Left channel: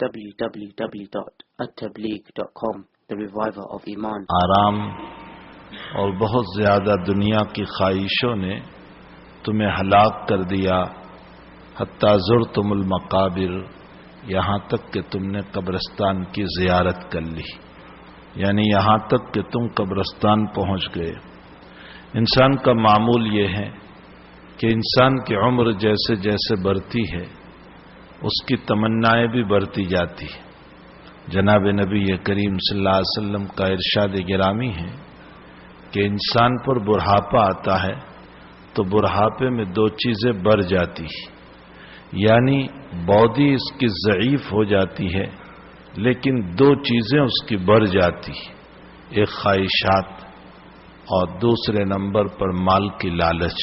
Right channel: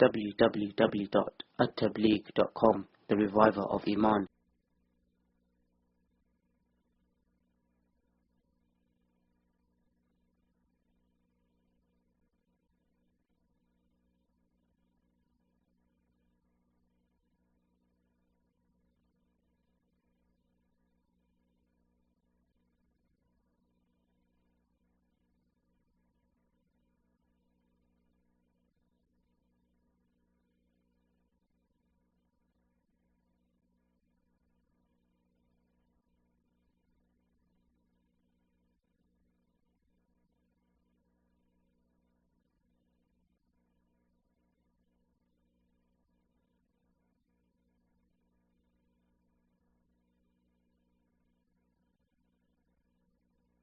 www.attableek.com, the reviver of Iman. آرام اور بہت زیادہ دنیا کی خواہشوں نے تمہیں ہلاک کر دیا، حتیٰ زرتم المقابر، یہاں تک کہ تم نے قبرستان کی زیارت کر لی، یعنی یہاں تک کہ تم قبرستان پہنچ گئے۔ انسان کا معمول یہ ہے کہ انسان کی عمر جیسے جیسے بڑھتی ہے اس کی تمنائیں بھی بڑھتی جاتی ہیں۔ جناب نبی کریم صلی اللہ علیہ وسلم کا ارشاد گرامی ہے کہ انسان پر بڑھاپا آتا ہے تو بڑھاپے میں دو چیزیں بڑھ جاتی ہیں، یعنی باڈی اس کی ضعیف ہو جاتی ہے لیکن دو چیزیں اس کی بڑھ جاتی ہیں، ایک خواہشات اور دوسرے نمبر پر مال کی لالچ،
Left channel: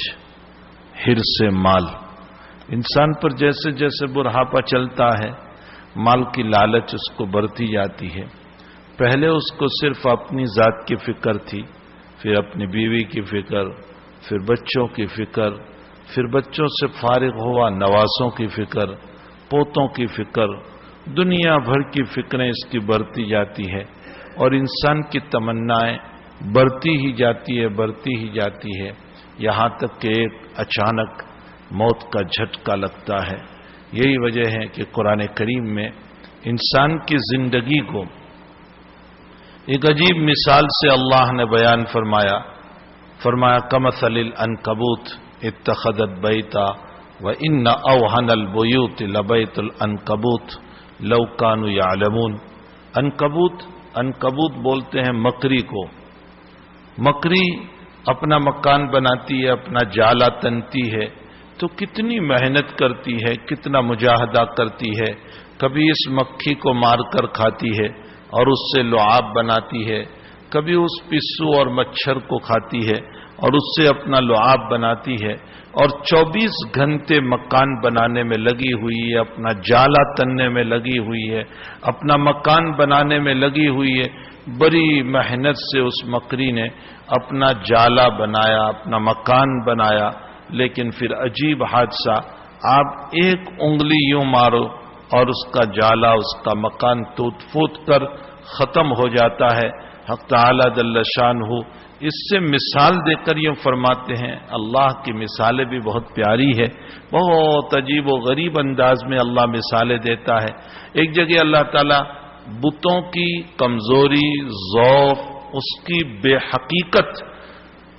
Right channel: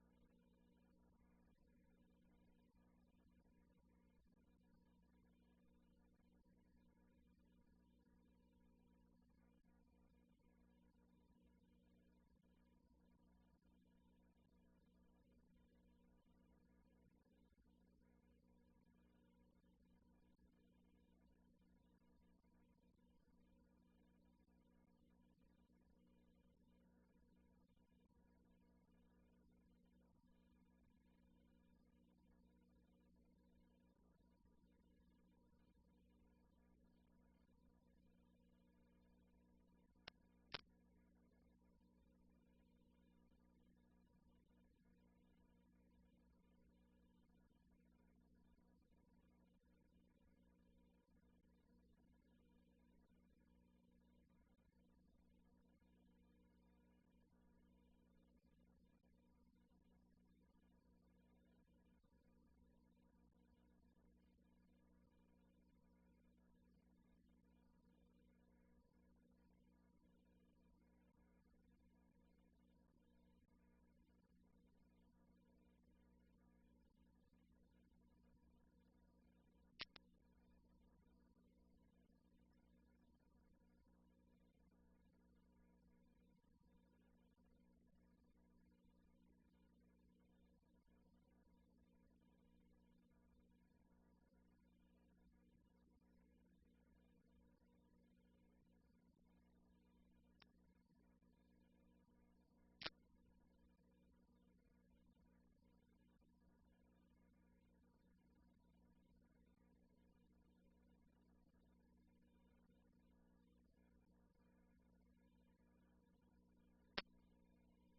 حرص مال۔ انسان پر جیسے جیسے بڑھاپا چلتا ہے مال کی لالچ اس کو بڑھتی جاتی ہے۔ پہلے اس کو صرف اپنی ذات کی فکر تھی، پھر اپنی بیوی کی فکر، پھر بچوں کی فکر، پھر بچوں سے فارغ ہوا نواسوں کی فکر، پوتوں کی فکر، دنیا بھر کی فکریں اس کی بڑھتی جاتی ہے اور انسان کی تمنائیں بڑھتی ہی جاتی ہے یہاں تک کہ ایک اچانک موت کا جھٹکا لگتا ہے۔ یہی وجہ ہے کہ قرآن کریم میں انسان کی زندگی کو ایک عجیب مثال سے اللہ نے بیان فرمایا کمثل العنکبوت اتخذت بیتا وان اوہن البیوت لبیت العنکبوت لو کانوا یعلمون۔ عنکبوت بولتے ہیں مکری کو۔ مکری اپنا مکان بناتی ہے، اپنا جالا تنتی ہے تو کتنی محنت کرتی ہے، کتنا مجاہدہ کرتی ہے، کبھی اس مکھی کو مار کر کھاتی ہے اور اس سے لعاب بناتی ہے، کبھی اس پسو اور مچھر کو کھاتی ہے اور اس سے اپنا لعاب بناتی ہے، اور 24 گھنٹے مکان بنانے میں لگی ہوئی ہے، اپنا جالا تننے میں لگی ہوئی ہے، اپنا مکان بنانے میں لگی ہوئی ہے۔ بڑی محنت سے اس مکری نے اپنا جالا بنایا، اپنا مکان بنایا، لیکن پھر عجیب حادثہ، آپ ایک انگلی یوں مارو اور اس کا جالا، اس کا مکان ٹوٹ پھوٹ کر ختم ہو جاتا ہے۔ حق تعالی جل شانہ اس سے مثال دے کر یہ فرماتے ہیں، اللہ کی مثالیں بھی بہت پیاری ہے، بہت عجیب و غریب انداز میں اللہ مثالیں دیتا ہے۔ ایک جگہ اللہ تعالی بتوں کی کمزوری، ضعف، اس کی بے حقیقت،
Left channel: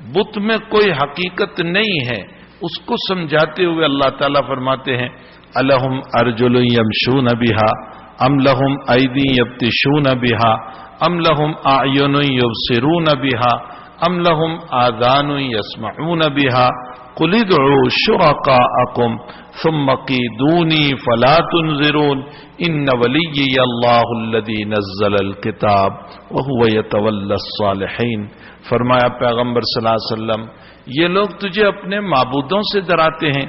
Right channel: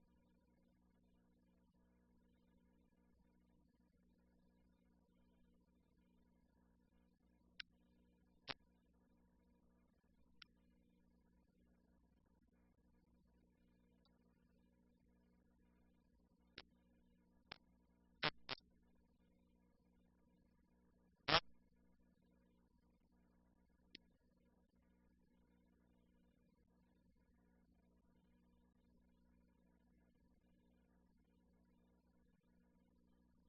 بت میں کوئی حقیقت نہیں ہے، اس کو سمجھاتے ہوئے اللہ تعالیٰ فرماتے ہیں الہم ارجل یمشون بہا ام لہم ایدی یبطشون بہا ام لہم اعین یبصرون بہا ام لہم آذان یسمعون بہا قل ادعوا شرکاءکم ثم کیدونی فلا تنظرون ان ولیی اللہ الذی نزل الکتاب وہو یتولی الصالحین۔ فرمایا پیغمبر صلی اللہ علیہ وسلم یہ لوگ تجھے اپنے معبودوں سے ڈراتے ہیں،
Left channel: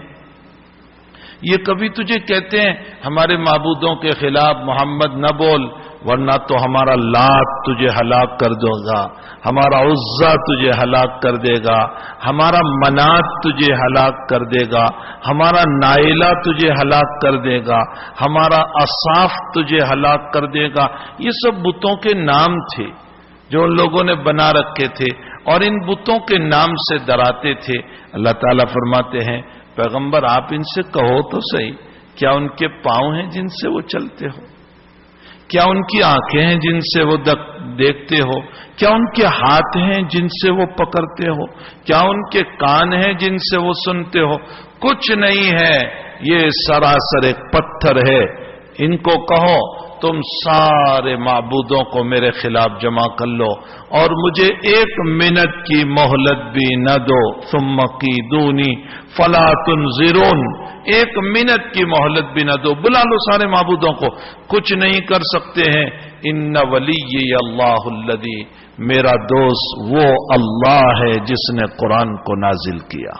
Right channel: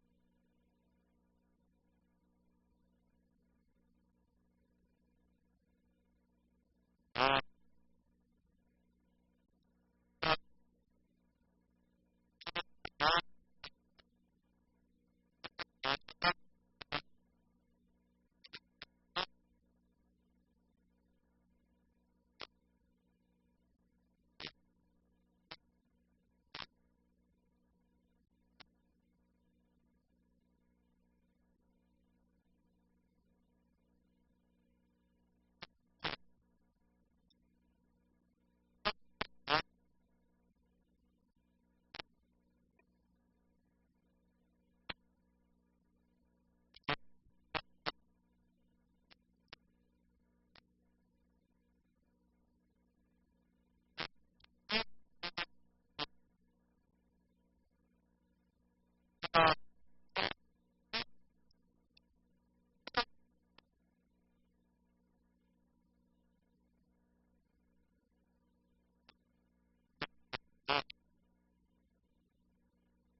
یہ کبھی تجھے کہتے ہیں ہمارے معبودوں کے خلاف محمد نہ بول ورنہ تو ہمارا لات تجھے ہلاک کر دے گا، ہمارا عزا تجھے ہلاک کر دے گا، ہمارا منات تجھے ہلاک کر دے گا، ہمارا نائلہ تجھے ہلاک کر دے گا، ہمارا اصاف تجھے ہلاک کر دے گا۔ یہ سب بتوں کے نام تھے جو ان لوگوں نے بنا رکھے تھے اور ان بتوں کے نام سے ڈراتے تھے۔ اللہ تعالیٰ فرماتے ہیں پیغمبر آپ ان سے کہو تو صحیح، کیا ان کے پاؤں ہیں جن سے وہ چلتے ہو؟ کیا ان کی آنکھیں ہیں جن سے وہ دیکھتے ہو؟ کیا ان کے ہاتھ ہیں جن سے وہ پکڑتے ہو؟ کیا ان کے کان ہیں جن سے وہ سنتے ہو؟ کچھ نہیں ہے، یہ سراسر ایک پتھر ہے۔ ان کو کہو تم سارے معبودوں کو میرے خلاف جمع کر لو اور مجھے 1 منٹ کی مہلت بھی نہ دو، ثم کیدونی فلا تنظرون، 1 منٹ کی مہلت بھی نہ دو، بلا لو سارے معبودوں کو، کچھ نہیں کر سکتے ہیں۔ ان ولی اللہ الذی، میرا دوست وہ اللہ ہے جس نے قرآن کو نازل کیا،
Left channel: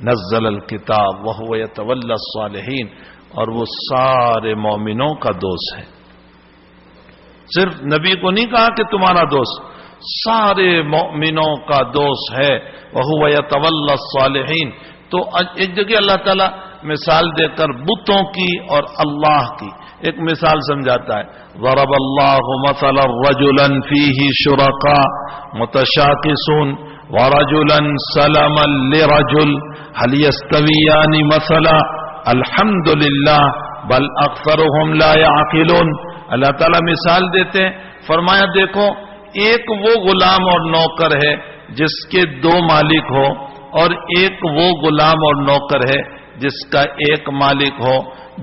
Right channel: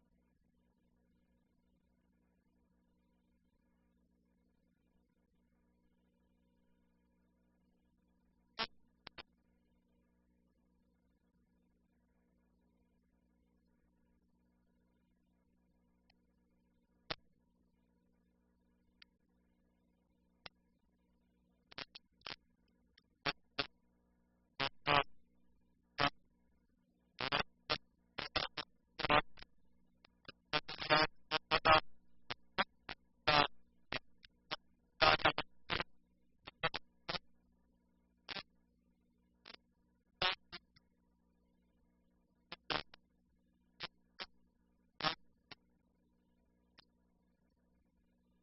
نزل الکتاب وہو یتولی الصالحین، اور وہ سارے مومنوں کا دوست ہے۔ صرف نبی کو نہیں کہا کہ تمہارا دوست، سارے مومنوں کا دوست ہے، وَهُوَ يَتَوَلَّى الصَّالِحِينَ۔ تو ایک جگہ اللہ تعالیٰ مثال دے کر بتوں کی اور اللہ کی ایک مثال سمجھاتا ہے. ضرب اللہ مثلا رجلا فیہ شرکاء متشاکسون ورجلا سلما لرجل هل يستویان مثلا الحمد للہ بل اکثرهم لا يعقلون. اللہ تعالیٰ مثال دیتے ہیں, فرمایا دیکھو ایک وہ غلام اور نوکر ہے جس کے دو مالک ہو, اور ایک وہ غلام اور نوکر ہے جس کا ایک مالک ہو.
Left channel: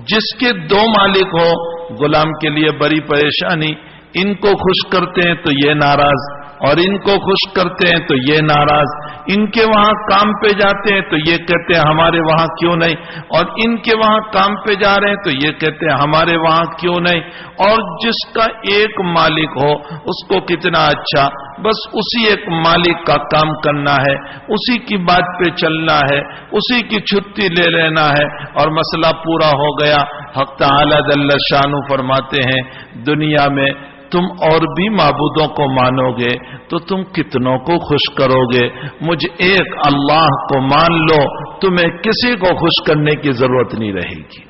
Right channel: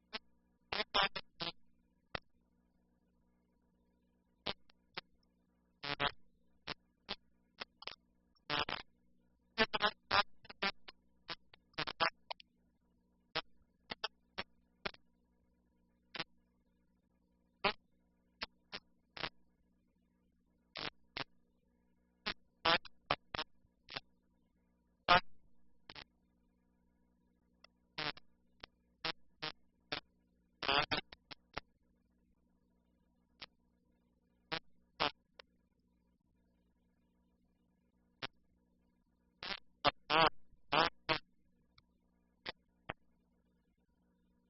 جس کے دو مالک ہو غلام کے لیے بڑی پریشانی, ان کو خوش کرتے ہیں تو یہ ناراض, اور ان کو خوش کرتے ہیں تو یہ ناراض. ان کے وہاں کام پہ جاتے ہیں تو یہ کہتے ہیں ہمارے وہاں کیوں نہیں, اور ان کے وہاں کام پہ جا رہے ہیں تو یہ کہتے ہیں ہمارے وہاں کیوں نہیں. اور جس کا ایک مالک ہو اس کو کتنا اچھا, بس اسی ایک مالک کا کام کرنا ہے, اسی کی بات پہ چلنا ہے, اسی کی چھٹی لے لینا ہے اور مسئلہ پورا ہو گیا. حق تعالی جل شانہ فرماتے ہیں دنیا میں تم اور بھی معبودوں کو مانو گے تو تم کتنوں کو خوش کرو گے, مجھ ایک اللہ کو مان لو, تمہیں کسی کو خوش کرنے کی ضرورت نہیں رہے گی.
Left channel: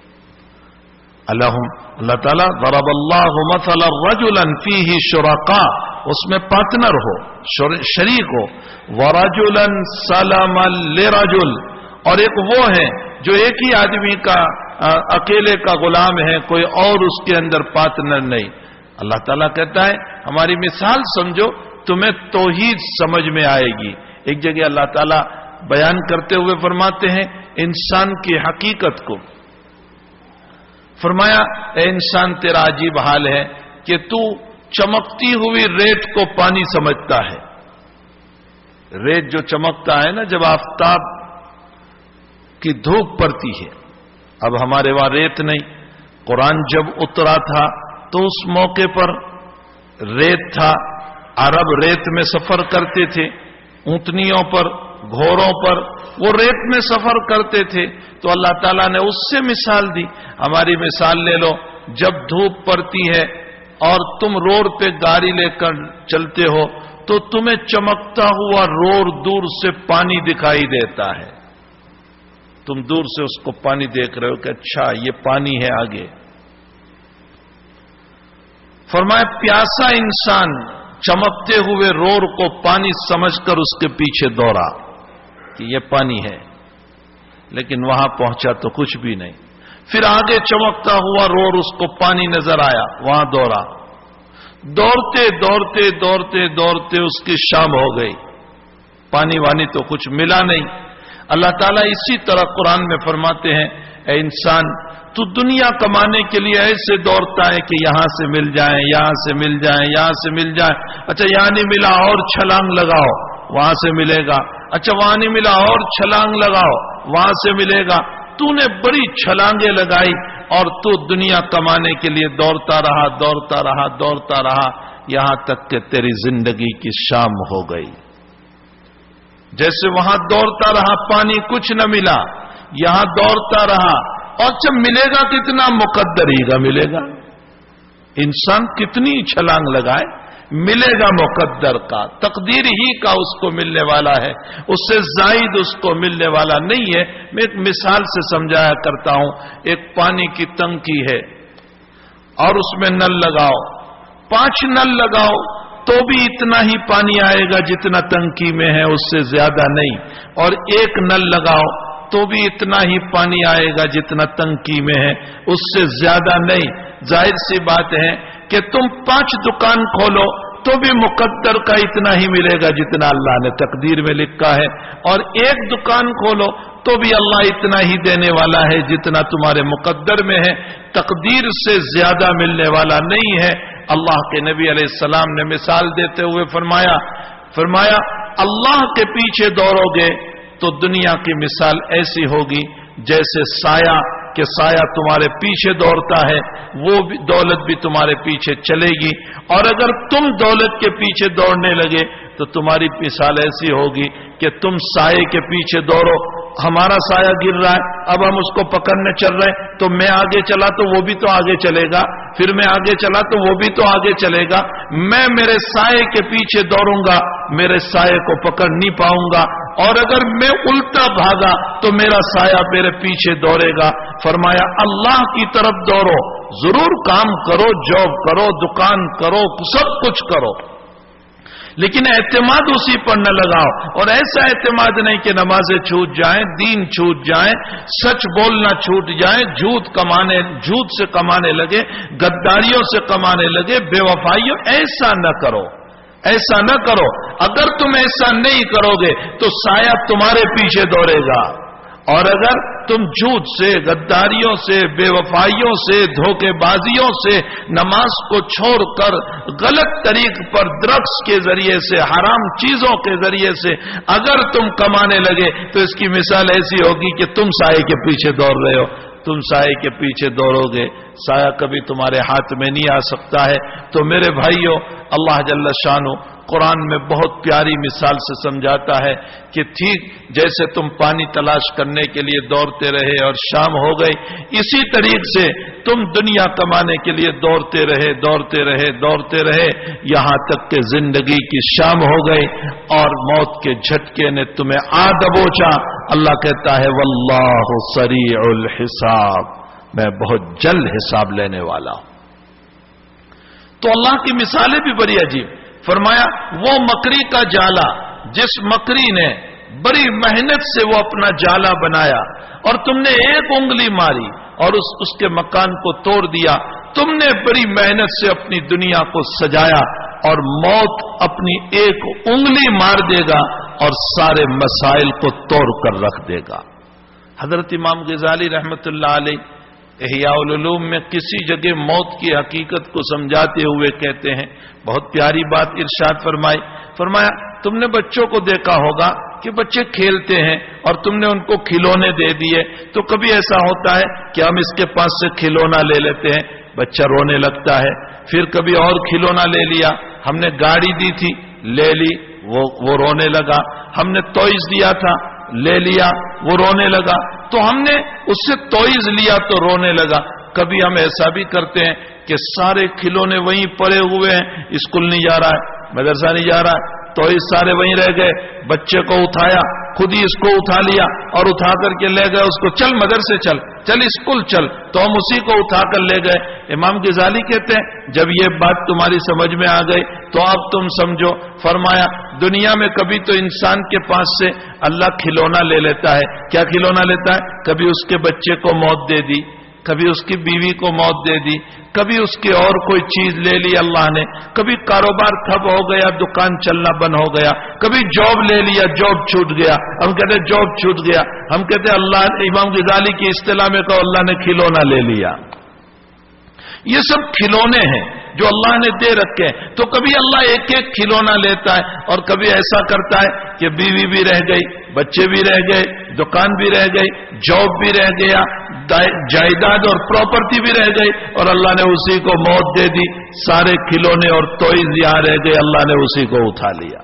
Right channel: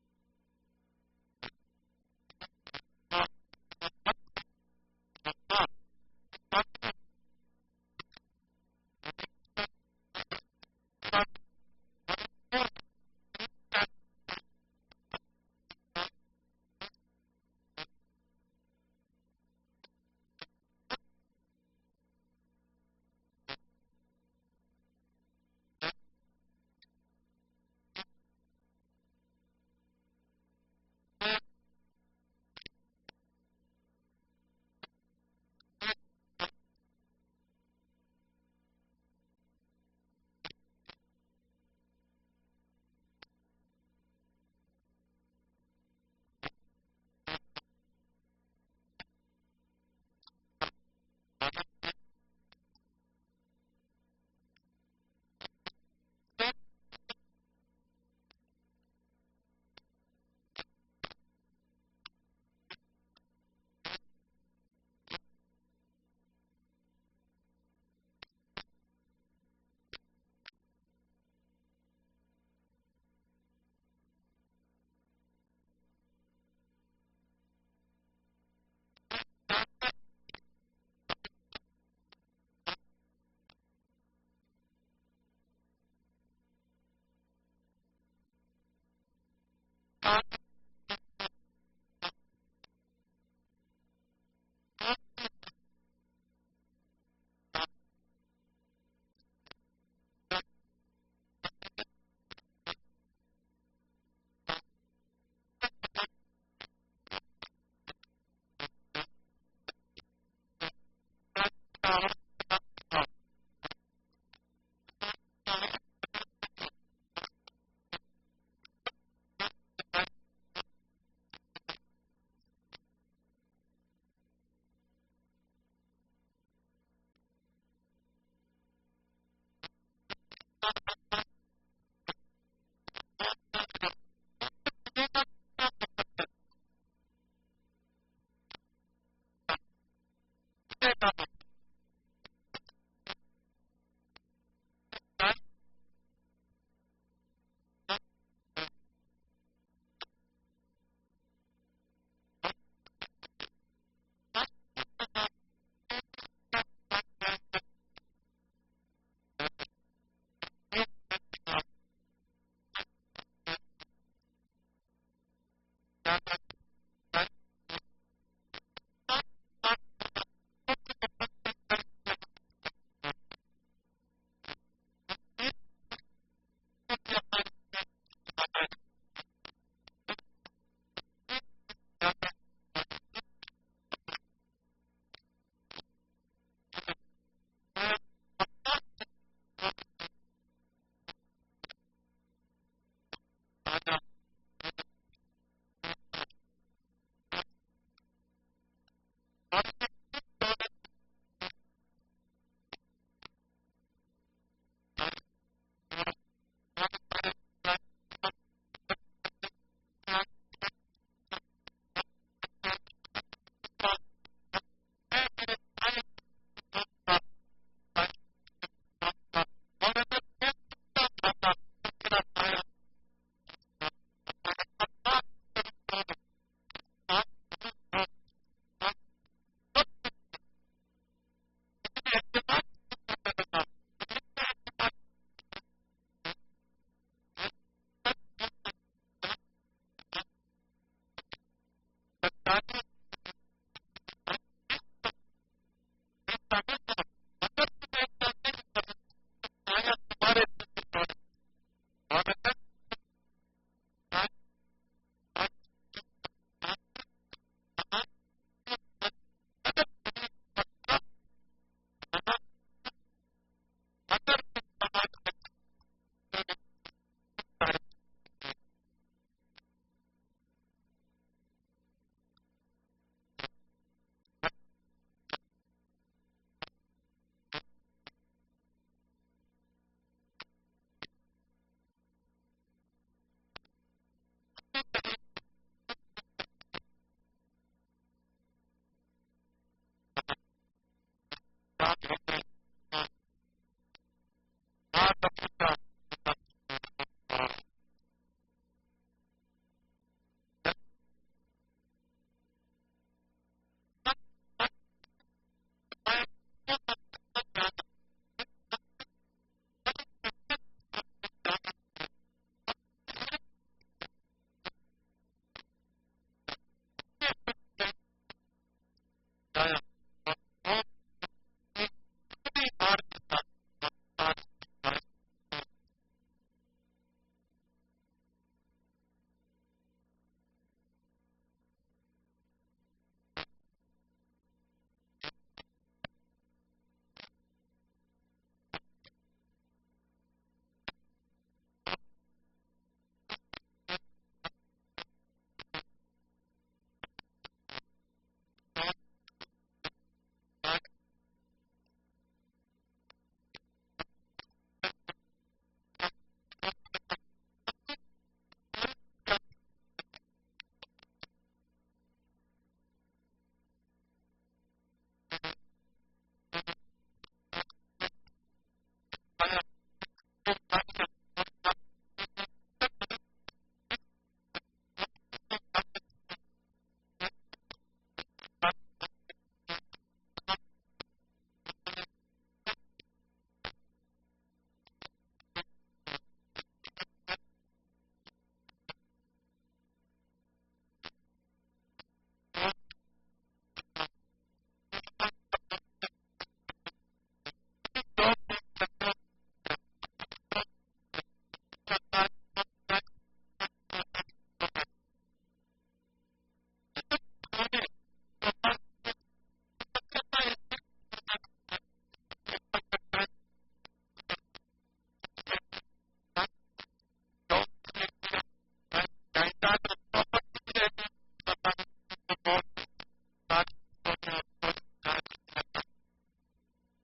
اللہ تعالیٰ ضرب اللہ مثلا رجلا فیہ شرکاء, اس میں پارٹنر ہو, شریک ہو, ورجلا سلما لرجل, اور ایک وہ ہے جو ایک ہی آدمی کا اکیلے کا غلام ہے, کوئی اور اس کے اندر پارٹنر نہیں. اللہ تعالیٰ کہتا ہے ہماری مثال سمجھو تمہیں توحید سمجھ میں آئے گی. ایک جگہ اللہ تعالیٰ بیان کرتے ہوئے فرماتے ہیں انسان کی حقیقت کو, فرمایا اے انسان تیرا عجیب حال ہے کہ تو چمکتی ہوئی ریت کو پانی سمجھتا ہے. ریت جو چمکتا ہے نا جب آفتاب کی دھوپ پڑتی ہے, اب ہمارے وہاں ریت نہیں. قرآن جب اترا تھا تو اس موقع پر ریت تھا, عرب ریت میں سفر کرتے تھے, اونٹنیوں پر, گھوڑوں پر وہ ریت میں سفر کرتے تھے. تو اللہ تعالیٰ نے اس سے مثال دی. ہماری مثال لے لو, جب دھوپ پڑتی ہے اور تم روڈ پہ گاڑی لے کر چلتے ہو تو تمہیں چمکتا ہوا روڈ دور سے پانی دکھائی دیتا ہے. تم دور سے اس کو پانی دیکھ رہے ہو کہ اچھا یہ پانی ہے آگے. فرمایا پیاسا انسان چمکتے ہوئے روڈ کو پانی سمجھ کر اس کے پیچھے دوڑا کہ یہ پانی ہے, لیکن وہاں پہنچا تو کچھ بھی نہیں. پھر آگے چمکتا ہوا روڈ اس کو پانی نظر آیا, وہاں دوڑا. دوڑتے دوڑتے دوڑتے دوڑتے اس کی شام ہو گئی, پانی وانی تو کچھ ملا نہیں. اللہ تعالیٰ اسی طرح قرآن میں فرماتے ہیں اے انسان تو دنیا کمانے کے لیے ایسے دوڑتا ہے کہ یہاں سے مل جائیں, یہاں سے مل جائیں, یہاں سے مل جائیں. اچھا یہاں نہیں ملا اور چھلانگ لگاؤ, وہاں سے ملے گا. اچھا وہاں نہیں ملا اور چھلانگ لگاؤ, وہاں سے ملے گا. تو نے بڑی چھلانگیں لگائی اور تو دنیا کمانے کے لیے دوڑتا رہا, دوڑتا رہا, دوڑتا رہا, یہاں تک کہ تیری زندگی کی شام ہو گئی. جیسے وہاں دوڑتا رہا پانی کچھ نہ ملا, یہاں دوڑتا رہا, اور جب ملے گا کتنا مقدر ہی کا ملے گا. انسان کتنی چھلانگ لگائے ملے گا مقدر کا, تقدیر ہی کا اس کو ملنے والا ہے, اس سے زائد اس کو ملنے والا نہیں ہے. میں ایک مثال سے سمجھایا کرتا ہوں. ایک پانی کی ٹنکی ہے اور اس میں نل لگاؤ, 5 نل لگاؤ تو بھی اتنا ہی پانی آئے گا جتنا ٹنکی میں ہے, اس سے زیادہ نہیں. اور 1 نل لگاؤ تو بھی اتنا ہی پانی آئے گا جتنا ٹنکی میں ہے, اس سے زیادہ نہیں. ظاہر سی بات ہے کہ تم 5 دکان کھولو تو بھی مقدر کا اتنا ہی ملے گا جتنا اللہ نے تقدیر میں لکھا ہے, اور 1 دکان کھولو تو بھی اللہ اتنا ہی دینے والا ہے جتنا تمہارے مقدر میں ہے, تقدیر سے زیادہ ملنے والا نہیں ہے. اللہ کے نبی علیہ السلام نے مثال دیتے ہوئے فرمایا اللہ کے پیچھے دوڑو گے تو دنیا کی مثال ایسی ہوگی جیسے سایہ کہ سایہ تمہارے پیچھے دوڑتا ہے, وہ بھی دولت بھی تمہارے پیچھے چلے گی. اور اگر تم دولت کے پیچھے دوڑنے لگے تو تمہاری مثال ایسی ہوگی کہ تم سائے کے پیچھے دوڑو, ہمارا سایہ گر رہا ہے, اب ہم اس کو پکڑنے چل رہے ہیں, تو میں آگے چلا تو وہ بھی تو آگے چلے گا, پھر میں آگے چلا تو وہ بھی تو آگے چلے گا. میں میرے سائے کے پیچھے دوڑوں گا, میرے سائے کو پکڑ نہیں پاؤں گا, اور اگر میں الٹا بھاگا تو میرا سایہ میرے پیچھے دوڑے گا. فرمایا اللہ کی طرف دوڑو, ضرور کام کرو، جاب کرو، دکان کرو، سب کچھ کرو، لیکن اعتماد اسی پر نہ لگاؤ. اور ایسا اعتماد نہیں کہ نمازیں چھوٹ جائیں، دین چھوٹ جائیں، سچ بولنا چھوٹ جائے، جھوٹ سے کمانے لگے، غداریوں سے کمانے لگے، بے وفائیوں. ایسا نہ کرو، ایسا نہ کرو. اگر تم ایسا نہیں کرو گے تو سایہ تمہارے پیچھے دوڑے گا. اور اگر تم جھوٹ سے، غداریوں سے، بے وفائیوں سے، دھوکے بازیوں سے، نماز کو چھوڑ کر غلط طریق پر ڈرگس کے ذریعے سے، حرام چیزوں کے ذریعے سے اگر تم کمانے لگے تو اس کی مثال ایسی ہوگی کہ تم سائے کے پیچھے دوڑ رہے ہو. تم سائے کے پیچھے دوڑو گے، سایہ کبھی تمہارے ہاتھ میں نہیں آ سکتا ہے. تو میرے بھائیوں، اللہ جل شانہ قرآن میں بہت پیاری مثال سے سمجھاتا ہے کہ ٹھیک جیسے تم پانی تلاش کرنے کے لیے دوڑتے رہے اور شام ہو گئی، اسی طریق سے تم دنیا کمانے کے لیے دوڑتے رہے یہاں تک کہ زندگی کی شام ہو گئی اور موت کے جھٹکے نے تمہیں آ دبوچا. اللہ کہتا ہے واللہ سریع الحساب، میں بہت جلد حساب لینے والا ہوں. تو اللہ کی مثالیں بھی بڑی عجیب. فرمایا وہ مکری کا جالا، جس مکری نے بڑی محنت سے وہ اپنا جالا بنایا اور تم نے ایک انگلی ماری اور اس کے مکان کو توڑ دیا. تم نے بڑی محنت سے اپنی دنیا کو سجایا اور موت اپنی ایک انگلی مار دے گا اور سارے مسائل کو توڑ کر رکھ دے گا. حضرت امام غزالی رحمت اللہ علیہ احیاء العلوم میں کسی جگہ موت کی حقیقت کو سمجھاتے ہوئے کہتے ہیں، بہت پیاری بات ارشاد فرمایا تم نے بچوں کو دیکھا ہوگا کہ بچے کھیلتے ہیں اور تم نے ان کو کھلونے دے دیے، تو کبھی ایسا ہوتا ہے کہ ہم اس کے پاس سے کھلونا لے لیتے ہیں، بچہ رونے لگتا ہے. پھر کبھی اور کھلونا لے لیا، ہم نے گاڑی دی تھی لے لی، وہ رونے لگا. ہم نے ٹوائز دیا تھا لے لیا، وہ رونے لگا. تو ہم نے اس سے ٹوائز لیا تو رونے لگا. کبھی ہم ایسا بھی کرتے ہیں کہ سارے کھلونے وہیں پڑے ہوئے ہیں، اسکول نہیں جا رہا ہے، مدرسہ نہیں جا رہا ہے، ٹوائز سارے وہیں رہ گئے، بچے کو اٹھایا، خود ہی اس کو اٹھا لیا اور اٹھا کر کے لے گئے اس کو، چل مدرسے چل اسکول چل، تو ہم اسی کو اٹھا کر لے گئے. امام غزالی کہتے ہیں جب یہ بات تمہاری سمجھ میں آ گئی تو اب تم سمجھو. فرمایا دنیا میں کبھی تو انسان کے پاس سے اللہ کھلونا لے لیتا ہے. کیا کھلونا لیتا ہے؟ کبھی اس کے بچے کو موت دے دی، کبھی اس کی بیوی کو موت دے دی، کبھی اس کی اور کوئی چیز لے لی اللہ نے، کبھی کاروبار ٹھپ ہو گیا، دکان چلنا بند ہو گیا، کبھی جاب لے لیا، جاب چھوٹ گیا. ہم کہتے ہیں جاب چھوٹ گیا، ہم کہتے ہیں اللہ، امام غزالی کی اصطلاح میں کہو اللہ نے کھلونا لے لیا. یہ سب کھلونے ہیں جو اللہ نے دے رکھے ہیں. تو کبھی اللہ ایک ایک کھلونا لیتا ہے اور کبھی ایسا کرتا ہے کہ بیوی بھی رہ گئی، بچے بھی رہ گئے، دکان بھی رہ گئی، جاب بھی رہ گیا، جائیداد اور پراپرٹی بھی رہ گئی اور اللہ نے اسی کو موت دے دی. سارے کھلونے اور ٹوائز یہاں رہ گئے، اللہ نے اسی کو اٹھا لیا.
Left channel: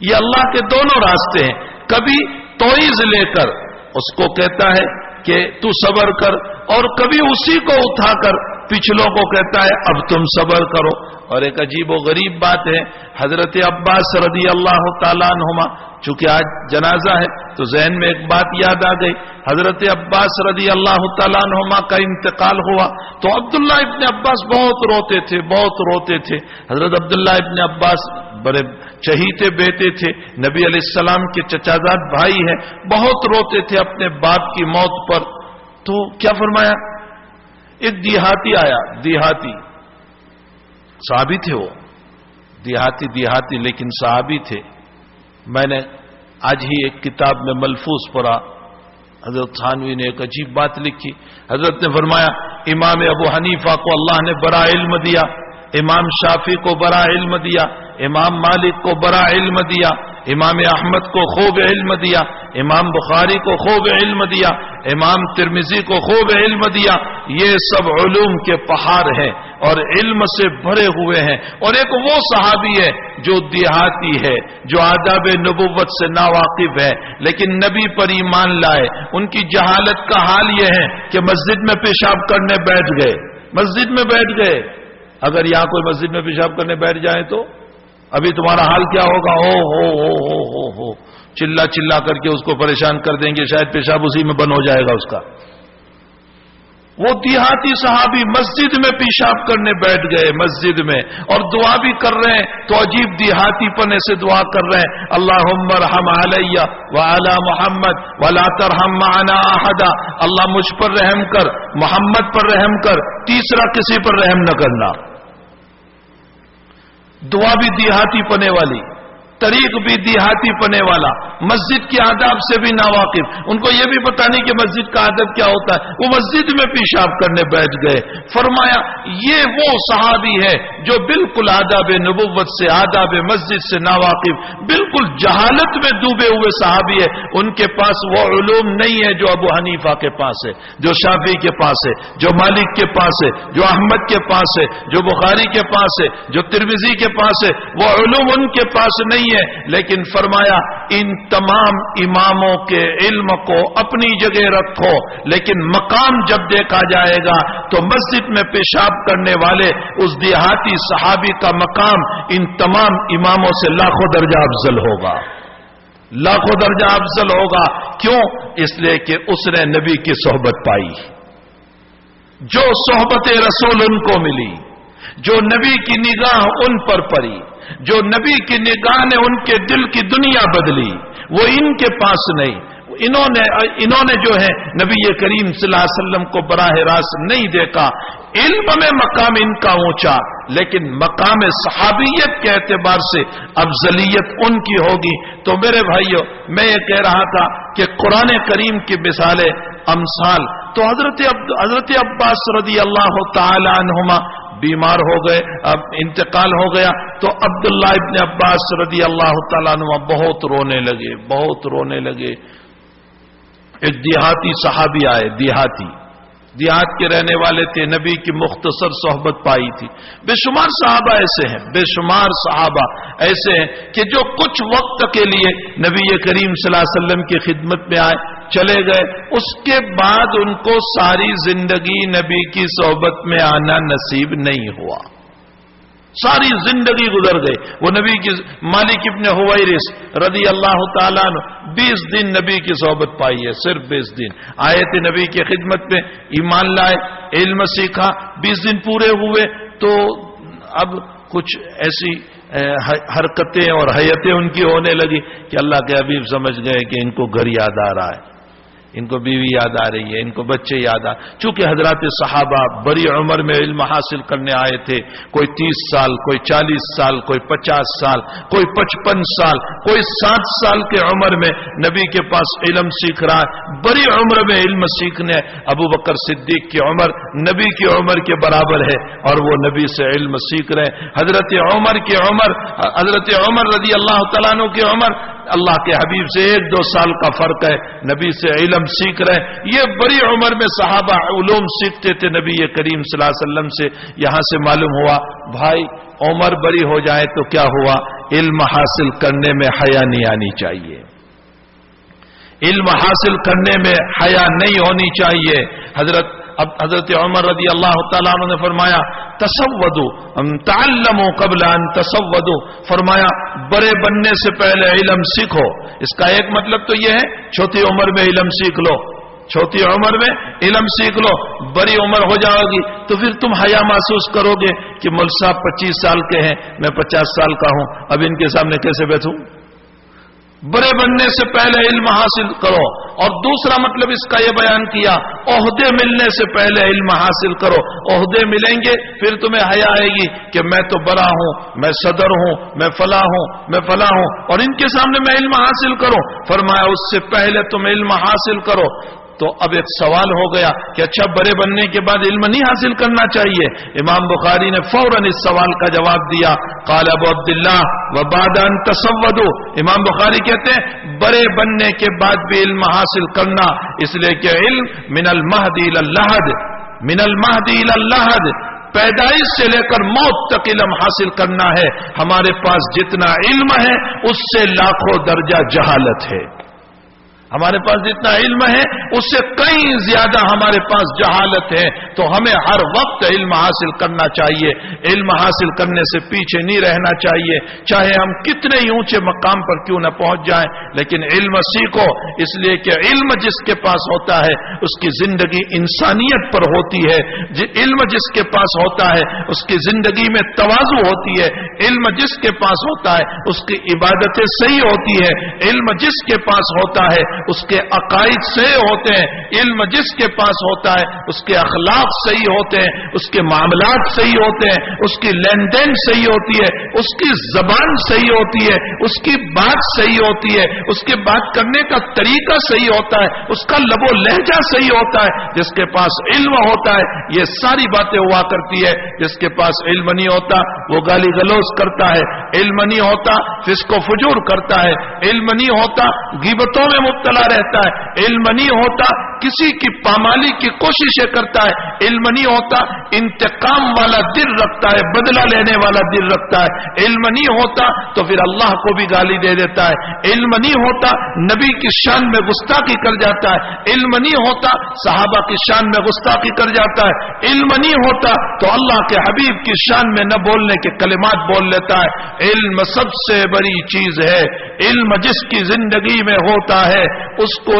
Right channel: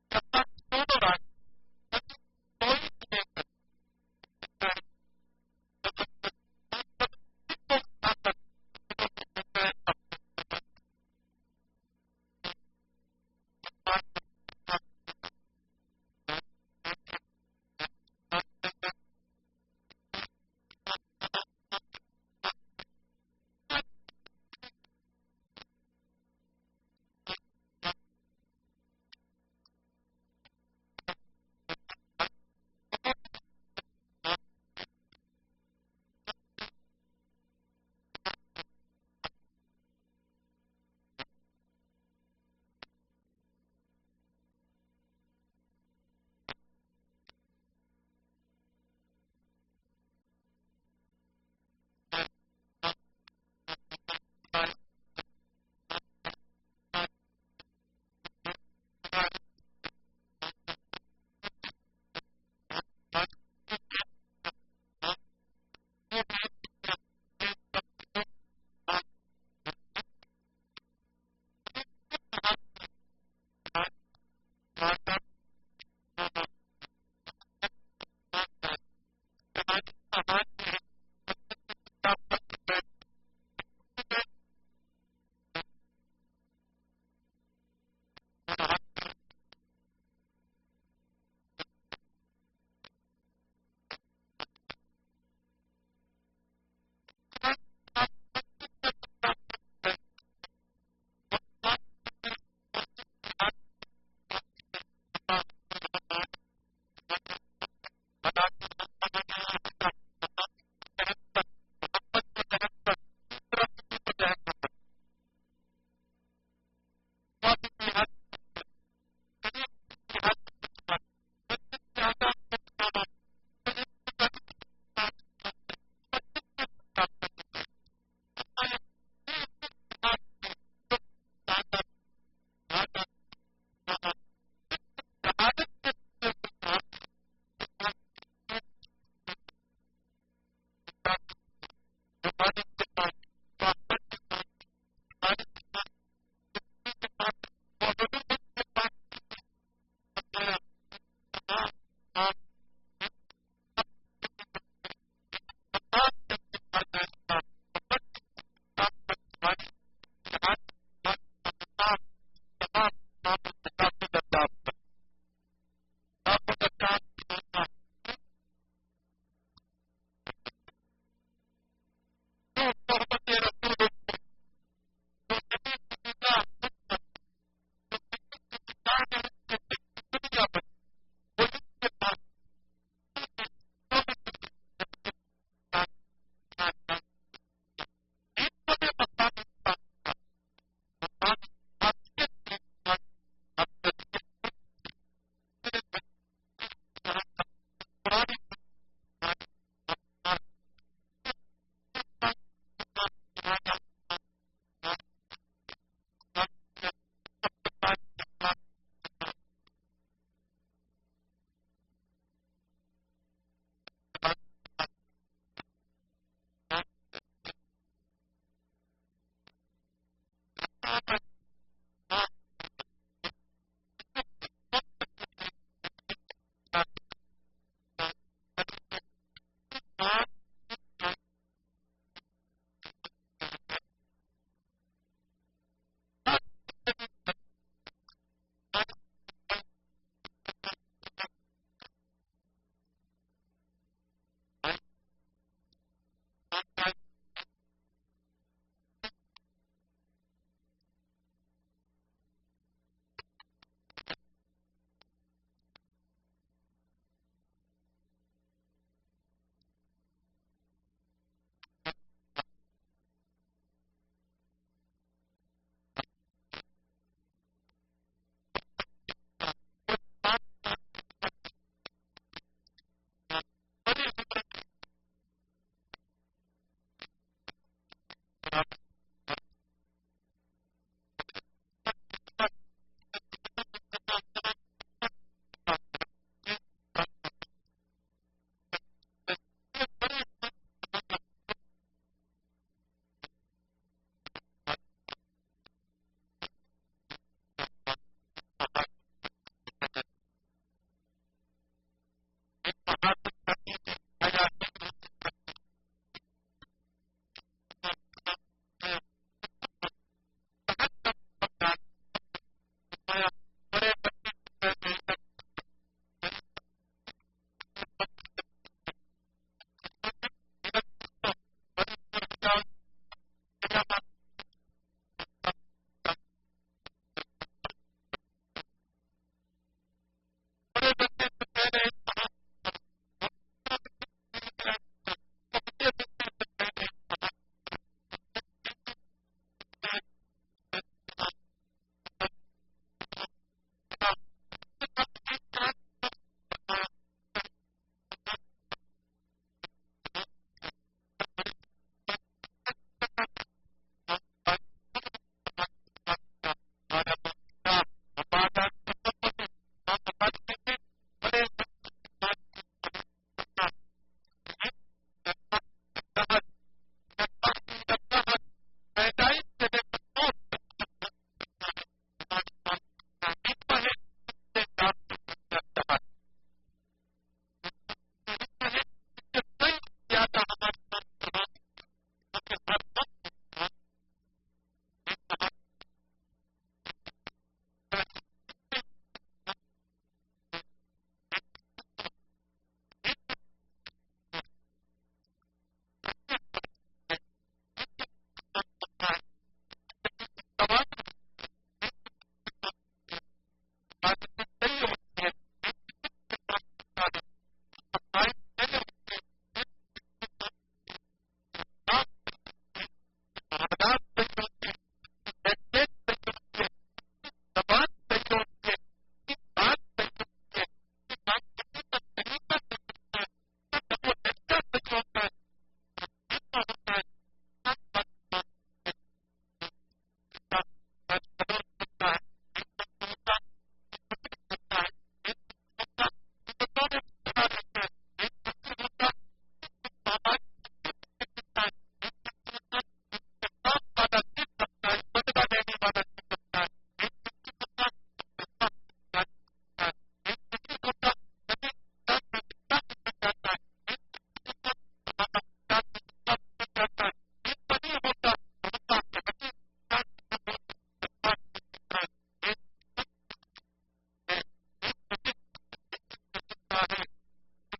یہ اللہ کے دونوں راستے ہیں. کبھی ٹوائز لے کر اس کو کہتا ہے کہ تو صبر کر، اور کبھی اسی کو اٹھا کر پچھلوں کو کہتا ہے اب تم صبر کرو. اور ایک عجیب و غریب بات ہے، حضرت عباس رضی اللہ تعالیٰ عنہما، چونکہ آج جنازہ ہے تو ذہن میں ایک بات یاد آ گئی. حضرت عباس رضی اللہ تعالیٰ عنہما کا انتقال ہوا تو عبداللہ ابن عباس بہت روتے تھے. حضرت عبداللہ ابن عباس بڑے چہیتے بیٹے تھے، نبی علیہ السلام کے چچازاد بھائی ہیں، بہت روتے تھے اپنے باپ کی موت پر. تو کیا فرمایا؟ ایک دیہاتی آیا، دیہاتی صحابی تھے، وہ دیہاتی لیکن صحابی تھے. میں نے آج ہی ایک کتاب میں ملفوظ پڑھا، حضرت تھانوی نے ایک عجیب بات لکھی. حضرت نے فرمایا امام ابو حنیفہ کو اللہ نے بڑا علم دیا، امام شافعی کو بڑا علم دیا، امام مالک کو بڑا علم دیا، امام احمد کو خوب علم دیا، امام بخاری کو خوب علم دیا، امام ترمذی کو خوب علم دیا. یہ سب علوم کے پہاڑ ہیں اور علم سے بھرے ہوئے ہیں. اور ایک وہ صحابی ہے جو دیہاتی ہے، جو آداب نبوت سے ناواقف ہے، لیکن نبی پر ایمان لائے. ان کی جہالت کا حال یہ ہے کہ مسجد میں پیشاب کرنے بیٹھ گئے. اگر یہاں کوئی مسجد میں پیشاب کرنے بیٹھ جائے تو ابھی تمہارا حال کیا ہوگا؟ ہو چلا کر کے اس کو پریشان کر دیں گے، شاید پیشاب اسی میں بند ہو جائے گا اس کا. وہ دیہاتی صحابی مسجد میں پیشاب کرنے بیٹھ گئے مسجد میں اور دعا بھی کر رہے ہیں تو عجیب دیہاتی پنے سے دعا کر رہے ہیں، اللہم ارحم علی وعلی محمد ولا ترحم معنا احدا، اللہ مجھ پر رحم کر، محمد پر رحم کر، تیسرا کسی پر رحم نہ کرنا۔ دعا بھی دیہاتی پنے والی، طریق بھی دیہاتی پنے والا، مسجد کے آداب سے بھی ناواقف، ان کو یہ بھی پتہ نہیں کہ مسجد کا آداب کیا ہوتا ہے، وہ مسجد میں پیشاب کرنے بیٹھ گئے۔ فرمایا یہ وہ صحابی ہے جو بالکل آداب نبوت سے، آداب مسجد سے ناواقف، بالکل جہالت میں ڈوبے ہوئے صحابی ہے، ان کے پاس وہ علوم نہیں ہے جو ابو حنیفہ کے پاس ہے، جو شافعی کے پاس ہے، جو مالک کے پاس ہے، جو احمد کے پاس ہے، جو بخاری کے پاس ہے، جو ترمذی کے پاس ہے، وہ علوم ان کے پاس نہیں ہے۔ لیکن فرمایا ان تمام اماموں کے علم کو اپنی جگہ رکھو، لیکن مقام جب دیکھا جائے گا تو مسجد میں پیشاب کرنے والے اس دیہاتی صحابی کا مقام ان تمام اماموں سے لاکھوں درجہ افضل ہوگا، لاکھوں درجہ افضل ہوگا۔ کیوں؟ اس لیے کہ اس نے نبی کی صحبت پائی، جو صحبت رسول ان کو ملی، جو نبی کی نگاہ ان پر پڑی، جو نبی کی نگاہ نے ان کے دل کی دنیا بدلی، وہ ان کے پاس نہیں۔ انہوں نے جو ہے نبی کریم صلی اللہ علیہ وسلم کو براہ راست نہیں دیکھا۔ علم میں مقام ان کا اونچا، لیکن مقام صحابیت کے اعتبار سے افضلیت ان کی ہوگی۔ تو میرے بھائیو، میں یہ کہہ رہا تھا کہ قرآن کریم کی مثالیں، امثال، تو حضرت عباس رضی اللہ تعالی عنہما بیمار ہو گئے، اب انتقال ہو گیا، تو عبداللہ ابن عباس رضی اللہ تعالیٰ عنہ بہت رونے لگے، بہت رونے لگے۔ ایک دیہاتی صحابی آئے، دیہات کے رہنے والے تھے، نبی کی مختصر صحبت پائی تھی۔ بے شمار صحابہ ایسے ہیں، بے شمار صحابہ ایسے ہیں کہ جو کچھ وقت کے لیے نبی کریم صلی اللہ علیہ وسلم کی خدمت میں آئے، چلے گئے، اس کے بعد ان کو ساری زندگی نبی کی صحبت میں آنا نصیب نہیں ہوا، ساری زندگی گزر گئی۔ وہ نبی کی مالک ابن حویرث رضی اللہ تعالیٰ عنہ 20 دن نبی کی صحبت پائی ہے، صرف 20 دن آئے تھے نبی کی خدمت میں، ایمان لائے، علم سیکھا، 20 دن پورے ہوئے تو اب کچھ ایسی حرکتیں اور حیتیں ان کی ہونے لگی کہ اللہ کے حبیب سمجھ گئے کہ ان کو گھر یاد آ رہا ہے، ان کو بیوی یاد آ رہی ہے، ان کو بچے یاد آ، چونکہ حضرات صحابہ بڑی عمر میں علم حاصل کرنے آئے تھے، کوئی 30 سال، کوئی 40 سال، کوئی 50 سال، کوئی 55 سال، کوئی 60 سال کے عمر میں نبی کے پاس علم سیکھ رہا ہے۔ بڑی عمر میں علم سیکھنے ابو بکر صدیق کی عمر نبی کی عمر کے برابر ہے اور وہ نبی سے علم سیکھ رہے ہیں۔ حضرت عمر رضی اللہ تعالیٰ عنہ کی عمر اللہ کے حبیب سے 1-2 سال کا فرق ہے، نبی سے علم سیکھ رہے ہیں۔ یہ بڑی عمر میں صحابہ علوم سیکھتے تھے نبی کریم صلی اللہ علیہ وسلم سے۔ یہاں سے معلوم ہوا بھائی عمر بڑی ہو جائے تو کیا ہوا، علم حاصل کرنے میں حیا نہیں آنی چاہیے، علم حاصل کرنے میں حیا نہیں ہونی چاہیے۔ حضرت عمر رضی اللہ تعالیٰ عنہ نے فرمایا تسودوا تعلموا قبل ان تسودوا، فرمایا بڑے بننے سے پہلے علم سیکھو۔ اس کا ایک مطلب تو یہ ہے چھوٹی عمر میں علم سیکھ لو، چھوٹی عمر میں علم سیکھ لو، بڑی عمر ہو جاؤ گی تو پھر تم حیا محسوس کرو گے کہ مول صاحب 25 سال کے ہیں، میں 50 سال کا ہوں، اب ان کے سامنے کیسے بیٹھوں۔ بڑے بننے سے پہلے علم حاصل کرو۔ اور دوسرا مطلب اس کا یہ بیان کیا عہدے ملنے سے پہلے علم حاصل کرو۔ عہدے ملیں گے پھر تمہیں حیا آئے گی کہ میں تو بڑا ہوں، میں صدر ہوں، میں فلاں ہوں، میں فلاں ہوں، اور ان کے سامنے میں علم حاصل کروں۔ فرمایا اس سے پہلے تم علم حاصل کرو۔ تو اب ایک سوال ہو گیا کہ اچھا بڑے بننے کے بعد علم نہیں حاصل کرنا چاہیے؟ امام بخاری نے فوراً اس سوال کا جواب دیا، قال ابو عبداللہ وبعد ان تسودوا، امام بخاری کہتے ہیں بڑے بننے کے بعد بھی علم حاصل کرنا، اس لیے کہ علم من المہد الی اللحد، من المہد الی اللحد، پیدائش سے لے کر موت تک علم حاصل کرنا ہے۔ ہمارے پاس جتنا علم ہے اس سے لاکھوں درجہ جہالت ہے، ہمارے پاس جتنا علم ہے اس سے کئی زیادہ ہمارے پاس جہالت ہے، تو ہمیں ہر وقت علم حاصل کرنا چاہیے، علم حاصل کرنے سے پیچھے نہیں رہنا چاہیے، چاہے ہم کتنے ہی اونچے مقام پر کیوں نہ پہنچ جائیں، لیکن علم سیکھو، اس لیے کہ علم جس کے پاس ہوتا ہے اس کی زندگی انسانیت پر ہوتی ہے، علم جس کے پاس ہوتا ہے اس کی زندگی میں تواضع ہوتی ہے، علم جس کے پاس ہوتا ہے اس کی عبادتیں صحیح ہوتی ہے، علم جس کے پاس ہوتا ہے اس کے عقائد صحیح ہوتے ہیں، علم جس کے پاس ہوتا ہے اس کے اخلاق صحیح ہوتے ہیں، اس کے معاملات صحیح ہوتے ہیں، اس کی لین دین صحیح ہوتی ہے، اس کی زبان صحیح ہوتی ہے، اس کی بات صحیح ہوتی ہے، اس کے بات کرنے کا طریقہ صحیح ہوتا ہے، اس کا لب و لہجہ صحیح ہوتا ہے۔ جس کے پاس علم ہوتا ہے یہ ساری باتیں ہوا کرتی ہے، جس کے پاس علم نہیں ہوتا وہ گالی گلوز کرتا ہے، علم نہیں ہوتا فسق و فجور کرتا ہے، علم نہیں ہوتا غیبتوں میں مبتلا رہتا ہے، علم نہیں ہوتا کسی کی پامالی کی کوششیں کرتا ہے، علم نہیں ہوتا انتقام والا دل رکھتا ہے، بدلہ لینے والا دل رکھتا ہے، علم نہیں ہوتا تو پھر اللہ کو بھی گالی دے دیتا ہے، علم نہیں ہوتا نبی کی شان میں گستاخی کر جاتا ہے، علم نہیں ہوتا صحابہ کی شان میں گستاخی کر جاتا ہے، علم نہیں ہوتا تو اللہ کے حبیب کی شان میں نہ بولنے کے کلمات بول لیتا ہے۔ علم سب سے بڑی چیز ہے، علم جس کی زندگی میں ہوتا ہے اس کو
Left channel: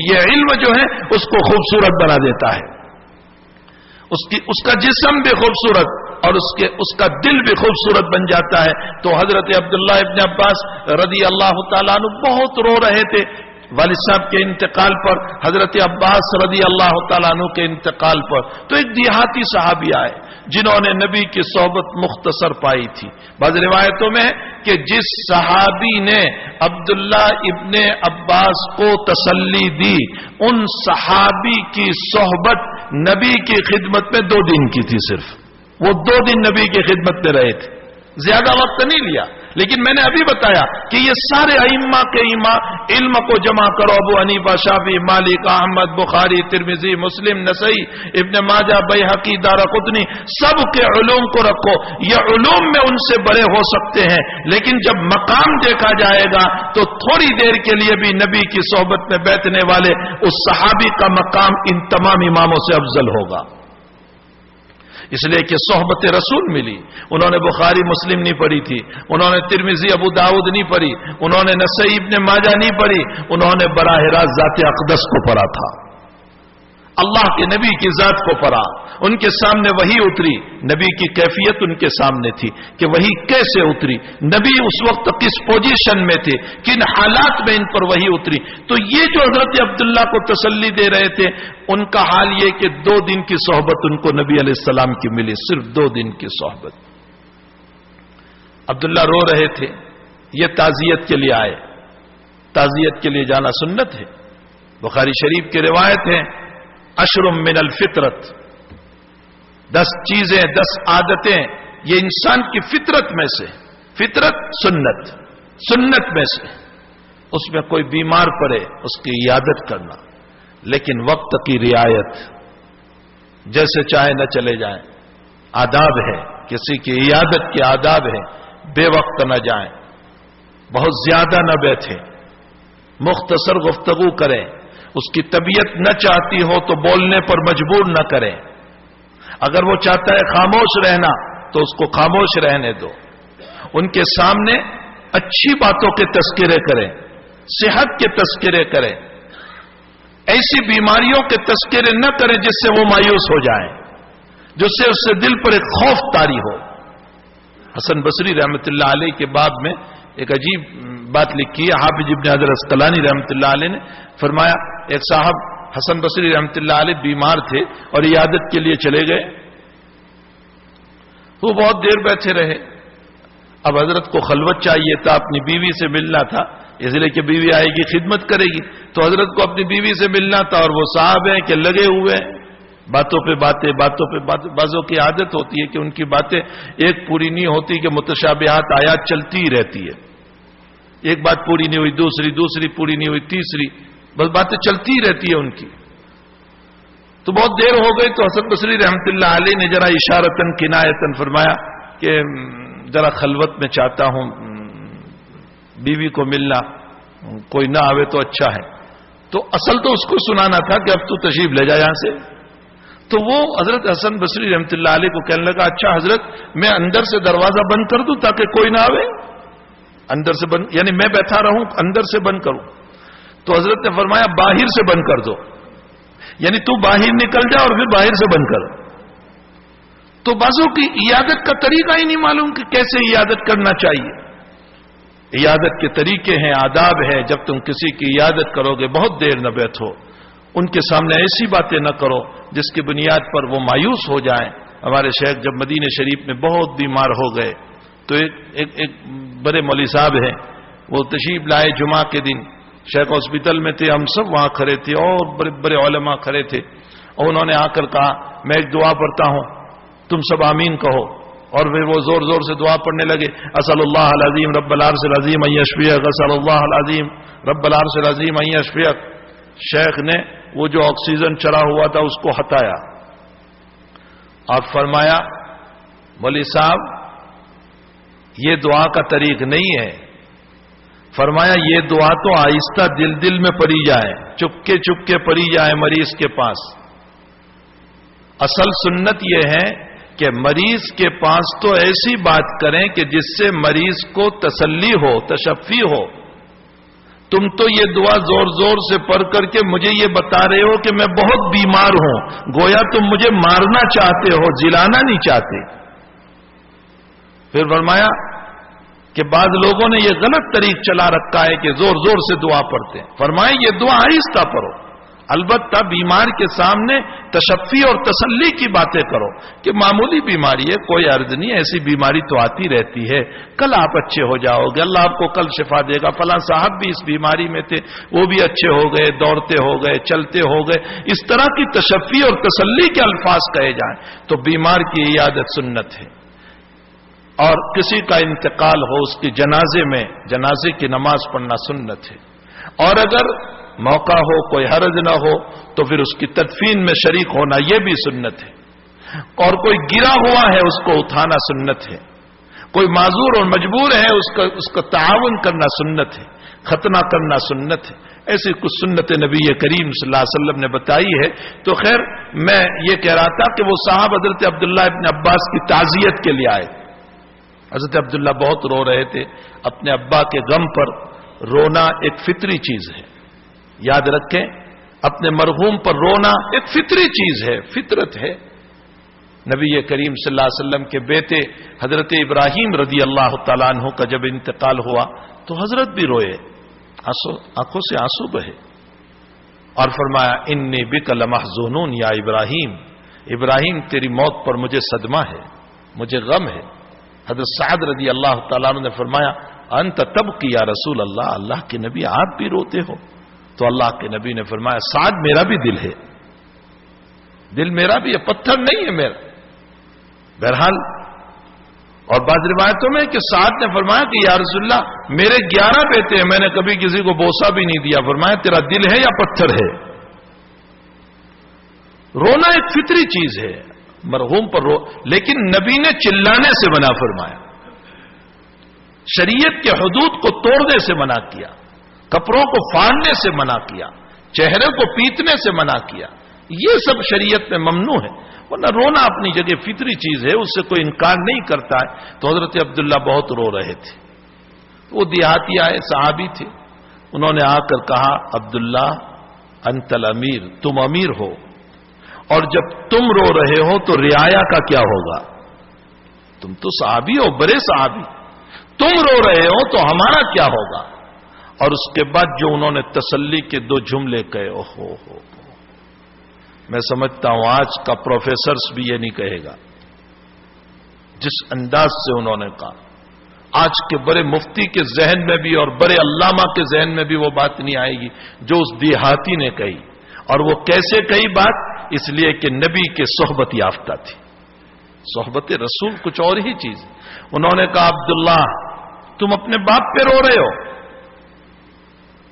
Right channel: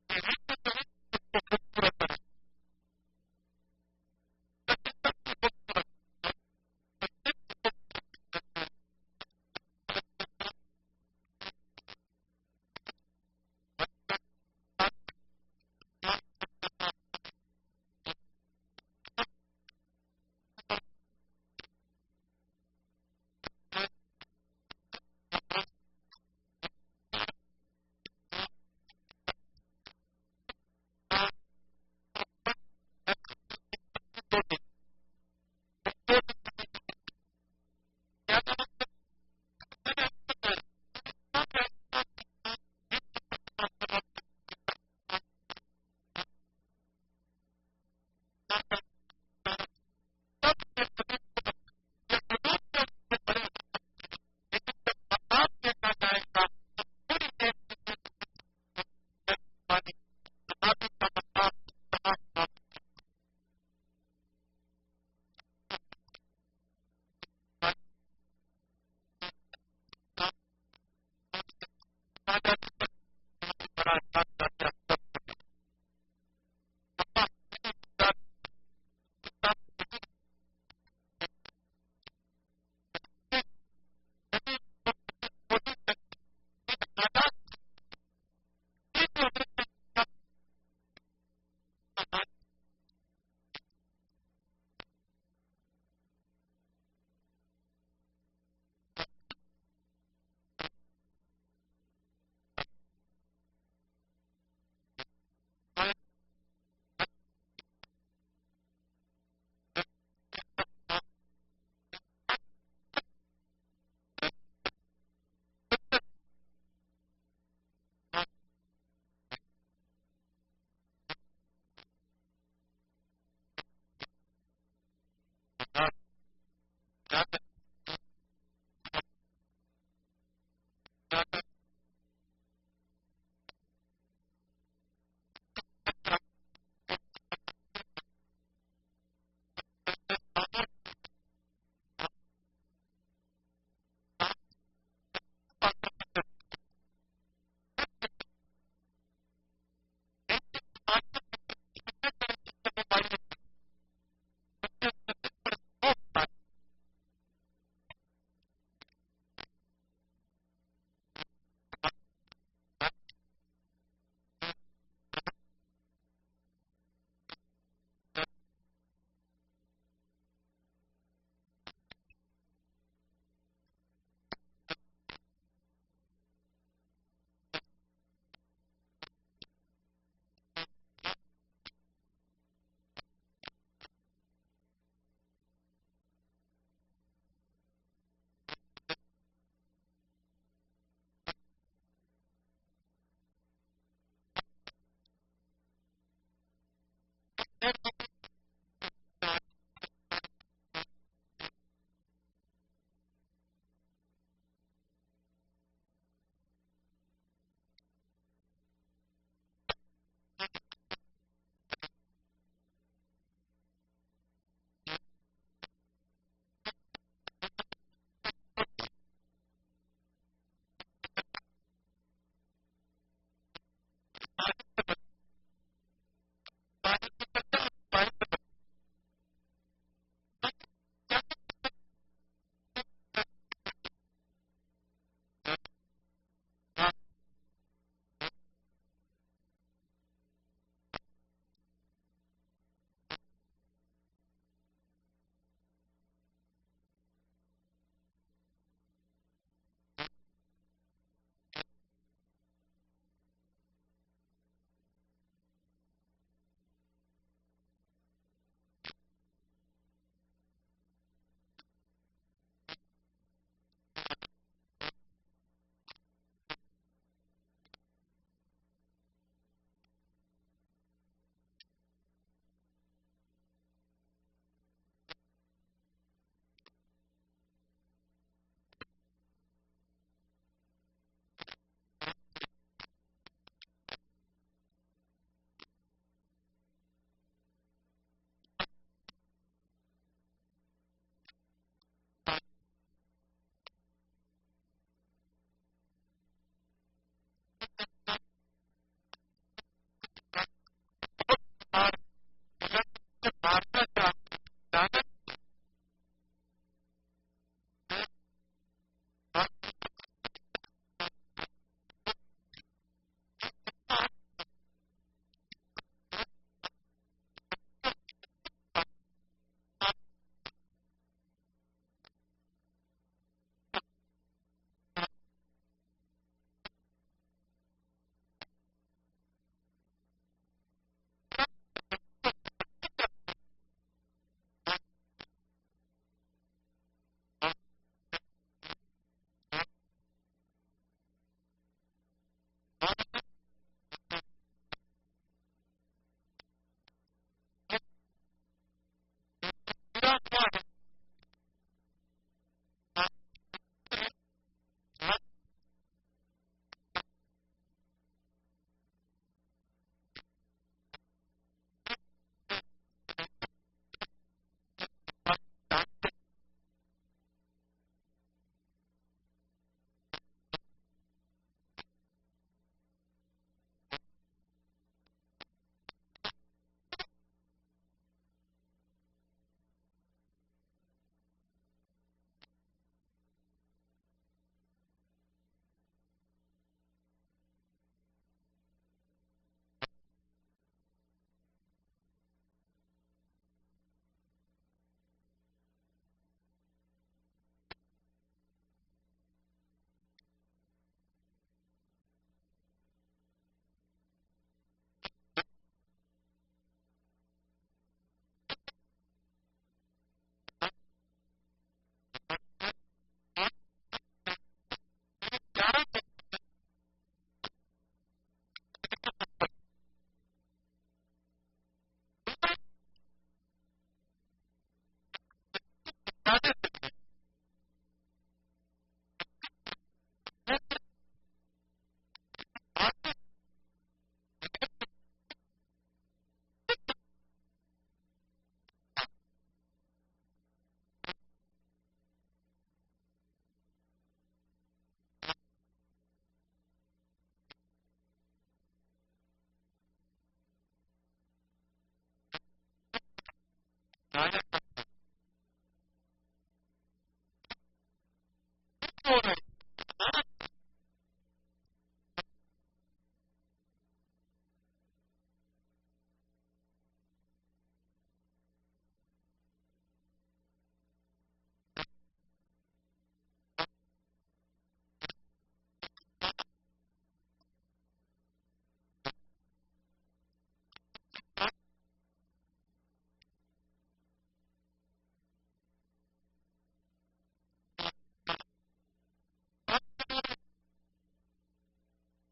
یہ علم جو ہے اس کو خوبصورت بنا دیتا ہے، اس کا جسم بھی خوبصورت اور اس کا دل بھی خوبصورت بن جاتا ہے۔ تو حضرت عبداللہ ابن عباس رضی اللہ تعالیٰ عنہ بہت رو رہے تھے والد صاحب کے انتقال پر، حضرت عباس رضی اللہ تعالیٰ عنہ کے انتقال پر۔ تو ایک دیہاتی صحابی آئے جنہوں نے نبی کی صحبت مختصر پائی تھی۔ بعض روایتوں میں کہ جس صحابی نے عبداللہ ابن عباس کو تسلی دی ان صحابی کی صحبت نبی کی خدمت میں 2 دن کی تھی، صرف وہ 2 دن نبی کی خدمت میں رہے تھے، زیادہ وقت نہیں لیا۔ لیکن میں نے ابھی بتایا کہ یہ سارے ائمہ کے امام علم کو جمع کرو، ابو حنیفہ، شافعی، مالک، احمد، بخاری، ترمذی، مسلم، نسائی، ابن ماجہ، بیہقی، دارقطنی، سب کے علوم کو رکھو، یہ علوم میں ان سے بڑے ہو سکتے ہیں لیکن جب مقام دیکھا جائے گا تو تھوڑی دیر کے لیے بھی نبی کی صحبت میں بیٹھنے والے اس صحابی کا مقام ان تمام اماموں سے افضل ہوگا، اس لیے کہ صحبت رسول ملی۔ انہوں نے بخاری مسلم نہیں پڑھی تھی، انہوں نے ترمذی ابو داؤد نہیں پڑھی، انہوں نے نسائی ابن ماجہ نہیں پڑھی، انہوں نے براہ راست ذات اقدس کو پڑھا تھا، اللہ کے نبی کی ذات کو پڑھا، ان کے سامنے وحی اتری، نبی کی کیفیت ان کے سامنے تھی کہ وحی کیسے اتری، نبی اس وقت کس پوزیشن میں تھے، کن حالات میں ان پر وحی اتری۔ تو یہ جو حضرت عبداللہ کو تسلی دے رہے تھے ان کا حال یہ کہ 2 دن کی صحبت ان کو نبی علیہ السلام کی ملی، صرف 2 دن کی صحبت۔ عبداللہ رو رہے تھے، یہ تعزیت کے لیے آئے، تعزیت کے لیے جانا سنت ہے، بخاری شریف کی روایت ہے 10 من الفطرت، 10 چیزیں 10 عادتیں یہ انسان کی فطرت میں سے، فطرت سنت میں سے، اس میں کوئی بیمار پڑے اس کی عیادت کرنا، لیکن وقت کی رعایت، جیسے چاہے نہ چلے جائیں، آداب ہے، کسی کی عیادت کے آداب ہے، بے وقت نہ جائیں، بہت زیادہ نہ بیٹھیں، مختصر گفتگو کریں، اس کی طبیعت نہ چاہتی ہو تو بولنے پر مجبور نہ کریں، اگر وہ چاہتا ہے خاموش رہنا تو اس کو خاموش رہنے دو، ان کے سامنے اچھی باتوں کے تذکرے کریں، صحت کے تذکرے کریں، ایسی بیماریوں کے تذکرے نہ کریں جس سے وہ مایوس ہو جائیں، جس سے اس سے دل پر ایک خوف طاری ہو۔ حسن بصری رحمت اللہ علیہ کے باب میں ایک عجیب بات لکھی ہے، حافظ ابن حجر عسقلانی رحمت اللہ علیہ نے فرمایا ایک صاحب حسن بصری رحمت اللہ علیہ بیمار تھے اور عیادت کے لیے چلے گئے، وہ بہت دیر بیٹھے رہے، اب حضرت کو خلوت چاہیے تھا، اپنی بیوی سے ملنا تھا، اس لیے کہ بیوی آئے گی خدمت کرے گی، تو حضرت کو اپنی بیوی سے ملنا تھا، اور وہ صاحب ہیں کہ لگے ہوئے ہیں باتوں پہ باتیں، بعضوں کی عادت ہوتی ہے کہ ان کی باتیں ایک پوری نہیں ہوتی کہ متشابہات آیات چلتی ہی رہتی ہے، ایک بات پوری نہیں ہوئی دوسری پوری نہیں ہوئی تیسری، بس باتیں چلتی ہی رہتی ہے ان کی۔ تو بہت دیر ہو گئی تو حسن بصری رحمت اللہ علیہ نے ذرا اشارتاً کنایتاً فرمایا کہ ذرا خلوت میں چاہتا ہوں بیوی کو ملنا، کوئی نہ آوے تو اچھا ہے. تو اصل تو اس کو سنانا تھا کہ اب تو تشریف لے جا یہاں سے. تو وہ حضرت حسن بصری رحمۃ اللہ علیہ کو کہنے لگا اچھا حضرت میں اندر سے دروازہ بند کر دوں تاکہ کوئی نہ آوے, اندر سے بند یعنی میں بیٹھا رہوں اندر سے بند کروں. تو حضرت نے فرمایا باہر سے بند کر دو, یعنی تو باہر نکل جا اور پھر باہر سے بند کر. تو بعضوں کی عیادت کا طریقہ ہی نہیں معلوم کہ کیسے عیادت کرنا چاہیے. عیادت کے طریقے ہیں, آداب ہے. جب تم کسی کی عیادت کرو گے بہت دیر نہ بیٹھو, ان کے سامنے ایسی باتیں نہ کرو جس کی بنیاد پر وہ مایوس ہو جائیں. ہمارے شیخ جب مدینہ شریف میں بہت بیمار ہو گئے تو ایک بڑے مولوی صاحب ہیں, وہ تشریف لائے جمعہ کے دن. شیخ ہاسپٹل میں تھے, ہم سب وہاں کھڑے تھے اور بڑے بڑے علماء کھڑے تھے, اور انہوں نے آ کر کہا میں ایک دعا پڑھتا ہوں تم سب آمین کہو. اور پھر وہ زور زور سے دعا پڑھنے لگے, اسأل اللہ العظیم رب العرش العظیم ان یشفیک, اسأل اللہ العظیم رب العرش العظیم ان یشفیک. شیخ نے وہ جو آکسیجن چڑھا ہوا تھا اس کو ہٹایا اور فرمایا مولوی صاحب یہ دعا کا طریق نہیں ہے. فرمایا یہ دعا تو آہستہ دل دل میں پڑھی جائے, چپکے چپکے پڑھی جائے مریض کے پاس. اصل سنت یہ ہے کہ مریض کے پاس تو ایسی بات کریں کہ جس سے مریض کو تسلی ہو, تشفی ہو. تم تو یہ دعا زور زور سے پڑھ کر کے مجھے یہ بتا رہے ہو کہ میں بہت بیمار ہوں, گویا تم مجھے مارنا چاہتے ہو, جلانا نہیں چاہتے. پھر فرمایا کہ بعض لوگوں نے یہ غلط طریق چلا رکھا ہے کہ زور زور سے دعا پڑھتے ہیں. فرمایا یہ دعا آہستہ پڑھو, البتہ بیمار کے سامنے تشفی اور تسلی کی باتیں کرو کہ معمولی بیماری ہے, کوئی عرض نہیں, ایسی بیماری تو آتی رہتی ہے, کل آپ اچھے ہو جاؤ گے, اللہ آپ کو کل شفا دے گا. فلاں صاحب بھی اس بیماری میں تھے, وہ بھی اچھے ہو گئے, دوڑتے ہو گئے, چلتے ہو گئے. اس طرح کی تشفی اور تسلی کے الفاظ کہے جائیں تو بیمار کی عیادت سنت ہے. اور کسی کا انتقال ہو اس کی جنازے میں جنازے کی نماز پڑھنا سنت ہے. اور اگر موقع ہو, کوئی حرج نہ ہو, تو پھر اس کی تدفین میں شریک ہونا یہ بھی سنت ہے. اور کوئی گرا ہوا ہے اس کو اٹھانا سنت ہے, کوئی معذور اور مجبور ہے اس کا تعاون کرنا سنت ہے, ختنہ کرنا سنت ہے. ایسی کچھ سنت نبی کریم صلی اللہ علیہ وسلم نے بتائی ہے. تو خیر میں یہ کہہ رہا تھا کہ وہ صاحب حضرت عبداللہ ابن عباس کی تعزیت کے لیے آئے. حضرت عبداللہ بہت رو رہے تھے. اپنے ابا کے غم پر رونا ایک فطری چیز ہے, یاد رکھیں, اپنے مرحوم پر رونا ایک فطری چیز ہے, فطرت ہے. نبی کریم صلی اللہ علیہ وسلم کے بیٹے حضرت ابراہیم رضی اللہ تعالیٰ عنہ کا جب انتقال ہوا تو حضرت بھی روئے, آنکھوں سے آنسو بہے, اور فرمایا انی بک لمحزون یا ابراہیم, ابراہیم تیری موت پر مجھے صدمہ ہے, مجھے غم ہے. حضرت سعد رضی اللہ تعالیٰ عنہ نے فرمایا انت تبکی یا رسول اللہ, اللہ کے نبی آپ بھی روتے ہو. تو اللہ کے نبی نے فرمایا سعد میرا بھی دل ہے, دل میرا بھی ہے, پتھر نہیں ہے میرا. بہرحال اور بعض روایتوں میں کہ سعد نے فرمایا کہ یا رسول اللہ میرے 11 بیٹے ہیں, میں نے کبھی کسی کو بوسہ بھی نہیں دیا. فرمایا تیرا دل ہے یا پتھر ہے؟ رونا ایک فطری چیز ہے, مرحوم پر رو, لیکن نبی نے چلانے سے منع فرمایا, شریعت کے حدود کو توڑنے سے منع کیا, کپڑوں کو پھاڑنے سے منع کیا, چہرے کو پیٹنے سے منع کیا. یہ سب شریعت میں ممنوع ہے. ورنہ رونا اپنی جگہ فطری چیز ہے, اس سے کوئی انکار نہیں کرتا ہے. تو حضرت عبداللہ بہت رو رہے تھے. وہ دیہاتی آئے, صحابی تھے, انہوں نے آ کر کہا عبداللہ انت الامیر, تم امیر ہو, اور جب تم رو رہے ہو تو رعایا کا کیا ہوگا؟ تم تو صحابی ہو, بڑے صحابی, تم رو رہے ہو تو ہمارا کیا ہوگا؟ اور اس کے بعد جو انہوں نے تسلی کے 2 جملے کہے, اوہو ہو, میں سمجھتا ہوں آج کا پروفیسرز بھی یہ نہیں کہے گا. جس انداز سے انہوں نے کہا, آج کے بڑے مفتی کے ذہن میں بھی اور بڑے علامہ کے ذہن میں بھی وہ بات نہیں آئے گی جو اس دیہاتی نے کہی. اور وہ کیسے کہی بات؟ اس لیے کہ نبی کے صحبت یافتہ تھی. صحبت رسول کچھ اور ہی چیز. انہوں نے کہا عبداللہ تم اپنے باپ پہ رو رہے ہو,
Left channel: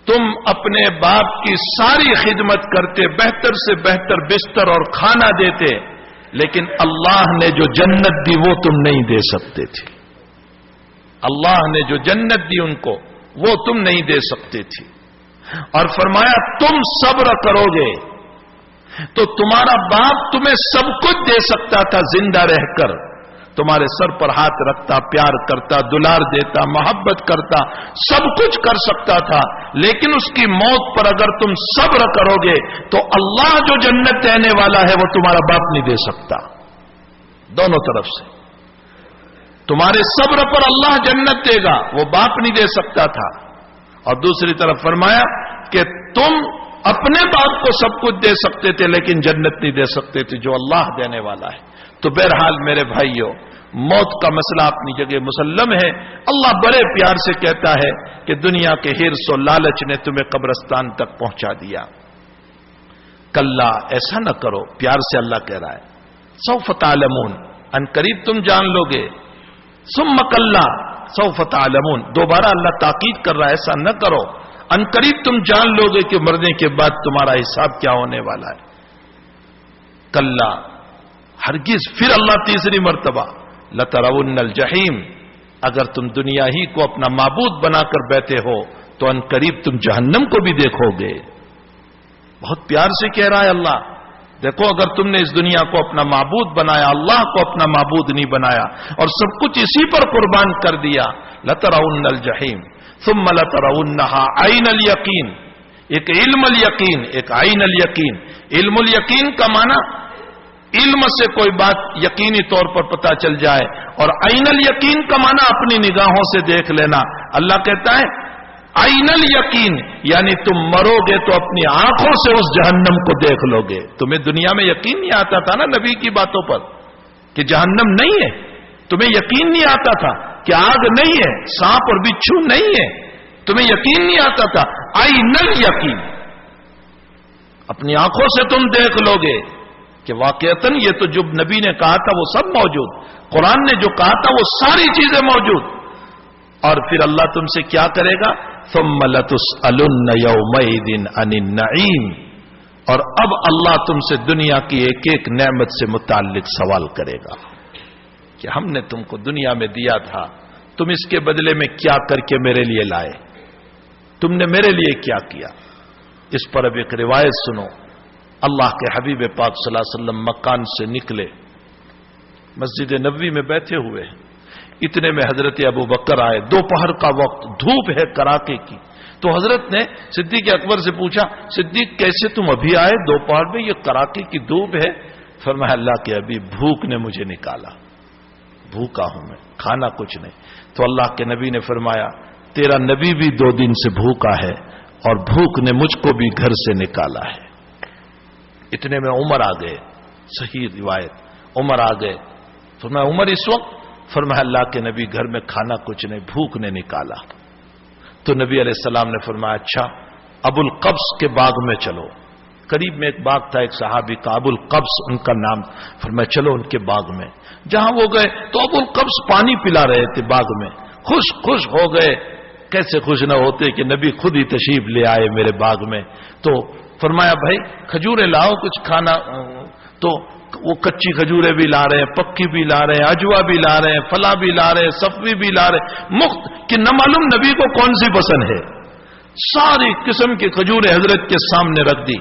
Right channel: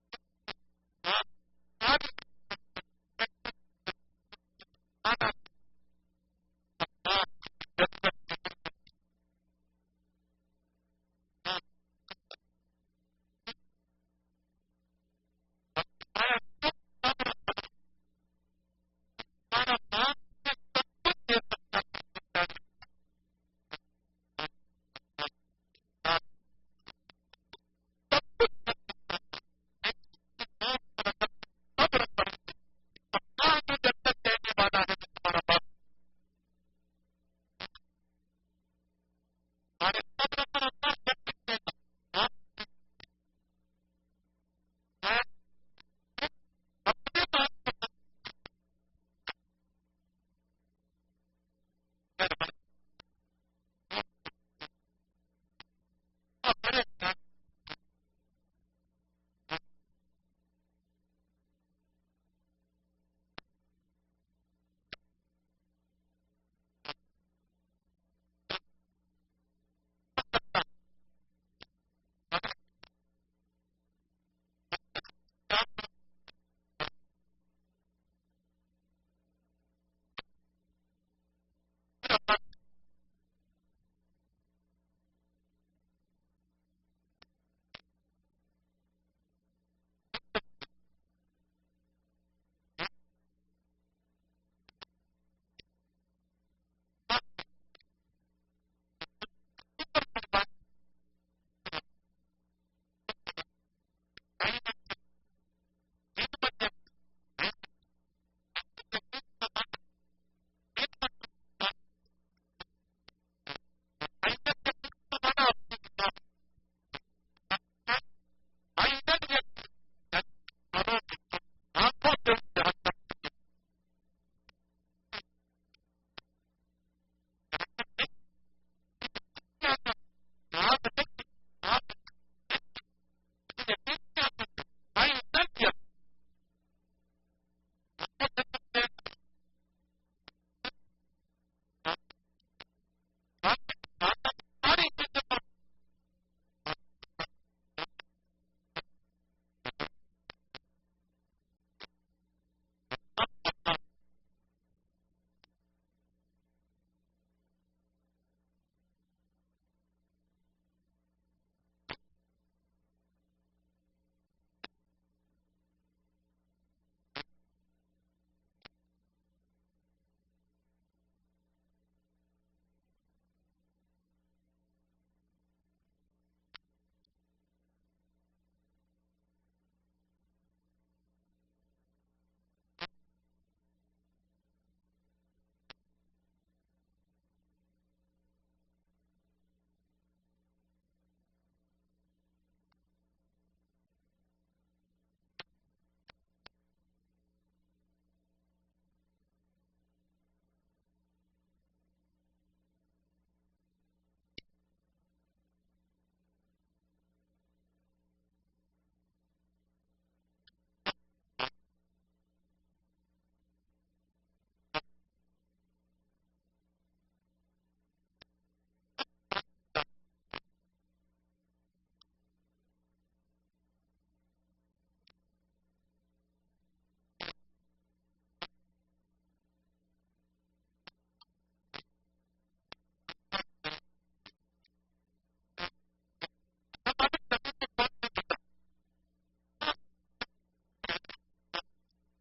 تم اپنے باپ کی ساری خدمت کرتے, بہتر سے بہتر بستر اور کھانا دیتے, لیکن اللہ نے جو جنت دی وہ تم نہیں دے سکتے تھے. اللہ نے جو جنت دی ان کو وہ تم نہیں دے سکتے تھے. اور فرمایا تم صبر کرو گے تو تمہارا باپ تمہیں سب کچھ دے سکتا تھا زندہ رہ کر، تمہارے سر پر ہاتھ رکھتا، پیار کرتا، دلار دیتا، محبت کرتا، سب کچھ کر سکتا تھا. لیکن اس کی موت پر اگر تم صبر کرو گے تو اللہ جو جنت دینے والا ہے وہ تمہارا باپ نہیں دے سکتا. دونوں طرف سے تمہارے صبر پر اللہ جنت دے گا، وہ باپ نہیں دے سکتا تھا. اور دوسری طرف فرمایا کہ تم اپنے باپ کو سب کچھ دے سکتے تھے لیکن جنت نہیں دے سکتے تھے جو اللہ دینے والا ہے. تو بہرحال میرے بھائیوں، موت کا مسئلہ اپنی جگہ مسلم ہے. اللہ بڑے پیار سے کہتا ہے کہ دنیا کے حرص و لالچ نے تمہیں قبرستان تک پہنچا دیا. کلا، ایسا نہ کرو. پیار سے اللہ کہہ رہا ہے سوف تعلمون، ان قریب تم جان لو گے. ثم کلا سوف تعلمون، دوبارہ اللہ تاکید کر رہا ہے ایسا نہ کرو، ان قریب تم جان لو گے کہ مرنے کے بعد تمہارا حساب کیا ہونے والا ہے. کلا، ہرگز. پھر اللہ تیسری مرتبہ لترون الجحیم، اگر تم دنیا ہی کو اپنا معبود بنا کر بیٹھے ہو تو ان قریب تم جہنم کو بھی دیکھو گے. بہت پیار سے کہہ رہا ہے اللہ، دیکھو اگر تم نے اس دنیا کو اپنا معبود بنایا، اللہ کو اپنا معبود نہیں بنایا اور سب کچھ اسی پر قربان کر دیا، لترون الجحیم ثم لترونها عین الیقین. ایک علم الیقین، ایک عین الیقین. علم الیقین کا معنی علم سے کوئی بات یقینی طور پر پتہ چل جائے، اور عین الیقین کا معنی اپنی نگاہوں سے دیکھ لینا. اللہ کہتا ہے عین الیقین، یعنی تم مرو گے تو اپنی آنکھوں سے اس جہنم کو دیکھ لو گے. تمہیں دنیا میں یقین نہیں آتا تھا نا نبی کی باتوں پر کہ جہنم نہیں ہے، تمہیں یقین نہیں آتا تھا کہ آگ نہیں ہے، سانپ اور بچھو نہیں ہے، تمہیں یقین نہیں آتا تھا. عین الیقین، اپنی آنکھوں سے تم دیکھ لو گے کہ واقعتاً یہ تو جو نبی نے کہا تھا وہ سب موجود، قرآن نے جو کہا تھا وہ ساری چیزیں موجود. اور پھر اللہ تم سے کیا کرے گا؟ ثم لتسألن یومئذ عن النعیم. اور اب اللہ تم سے دنیا کی ایک ایک نعمت سے متعلق سوال کرے گا کہ ہم نے تم کو دنیا میں دیا تھا، تم اس کے بدلے میں کیا کر کے میرے لیے لائے، تم نے میرے لیے کیا کیا. اس پر اب ایک روایت سنو. اللہ کے حبیب پاک صلی اللہ علیہ وسلم مکان سے نکلے، مسجد نبوی میں بیٹھے ہوئے ہیں. اتنے میں حضرت ابو بکر آئے. دوپہر کا وقت، دھوپ ہے کڑاکے کی. تو حضرت نے صدیق اکبر سے پوچھا صدیق کیسے تم ابھی آئے دوپہر میں، یہ کڑاکے کی دھوپ ہے؟ فرمایا اللہ کے حبیب بھوک نے مجھے نکالا، بھوکا ہوں میں، کھانا کچھ نہیں. تو اللہ کے نبی نے فرمایا تیرا نبی بھی 2 دن سے بھوکا ہے اور بھوک نے مجھ کو بھی گھر سے نکالا ہے. اتنے میں عمر آ گئے. صحیح روایت، عمر آ گئے. فرمایا عمر اس وقت؟ فرمایا اللہ کے نبی گھر میں کھانا کچھ نہیں، بھوک نے نکالا. تو نبی علیہ السلام نے فرمایا اچھا ابو القبس کے باغ میں چلو. قریب میں ایک باغ تھا ایک صحابی کا، ابو القبس ان کا نام. فرمایا چلو ان کے باغ میں. جہاں وہ گئے تو ابو القبس پانی پلا رہے تھے باغ میں. خوش ہو گئے. کیسے خوش نہ ہوتے کہ نبی خود ہی تشریف لے آئے میرے باغ میں. تو فرمایا بھائی کھجورے لاؤ کچھ کھانا. تو وہ کچی کھجورے بھی لا رہے ہیں، پکی بھی لا رہے ہیں، اجوا بھی لا رہے ہیں، فلا بھی لا رہے ہیں، صفوی بھی لا رہے ہیں، مفت کہ نہ معلوم نبی کو کون سی پسند ہے. ساری قسم کی کھجوریں حضرت کے سامنے رکھ دی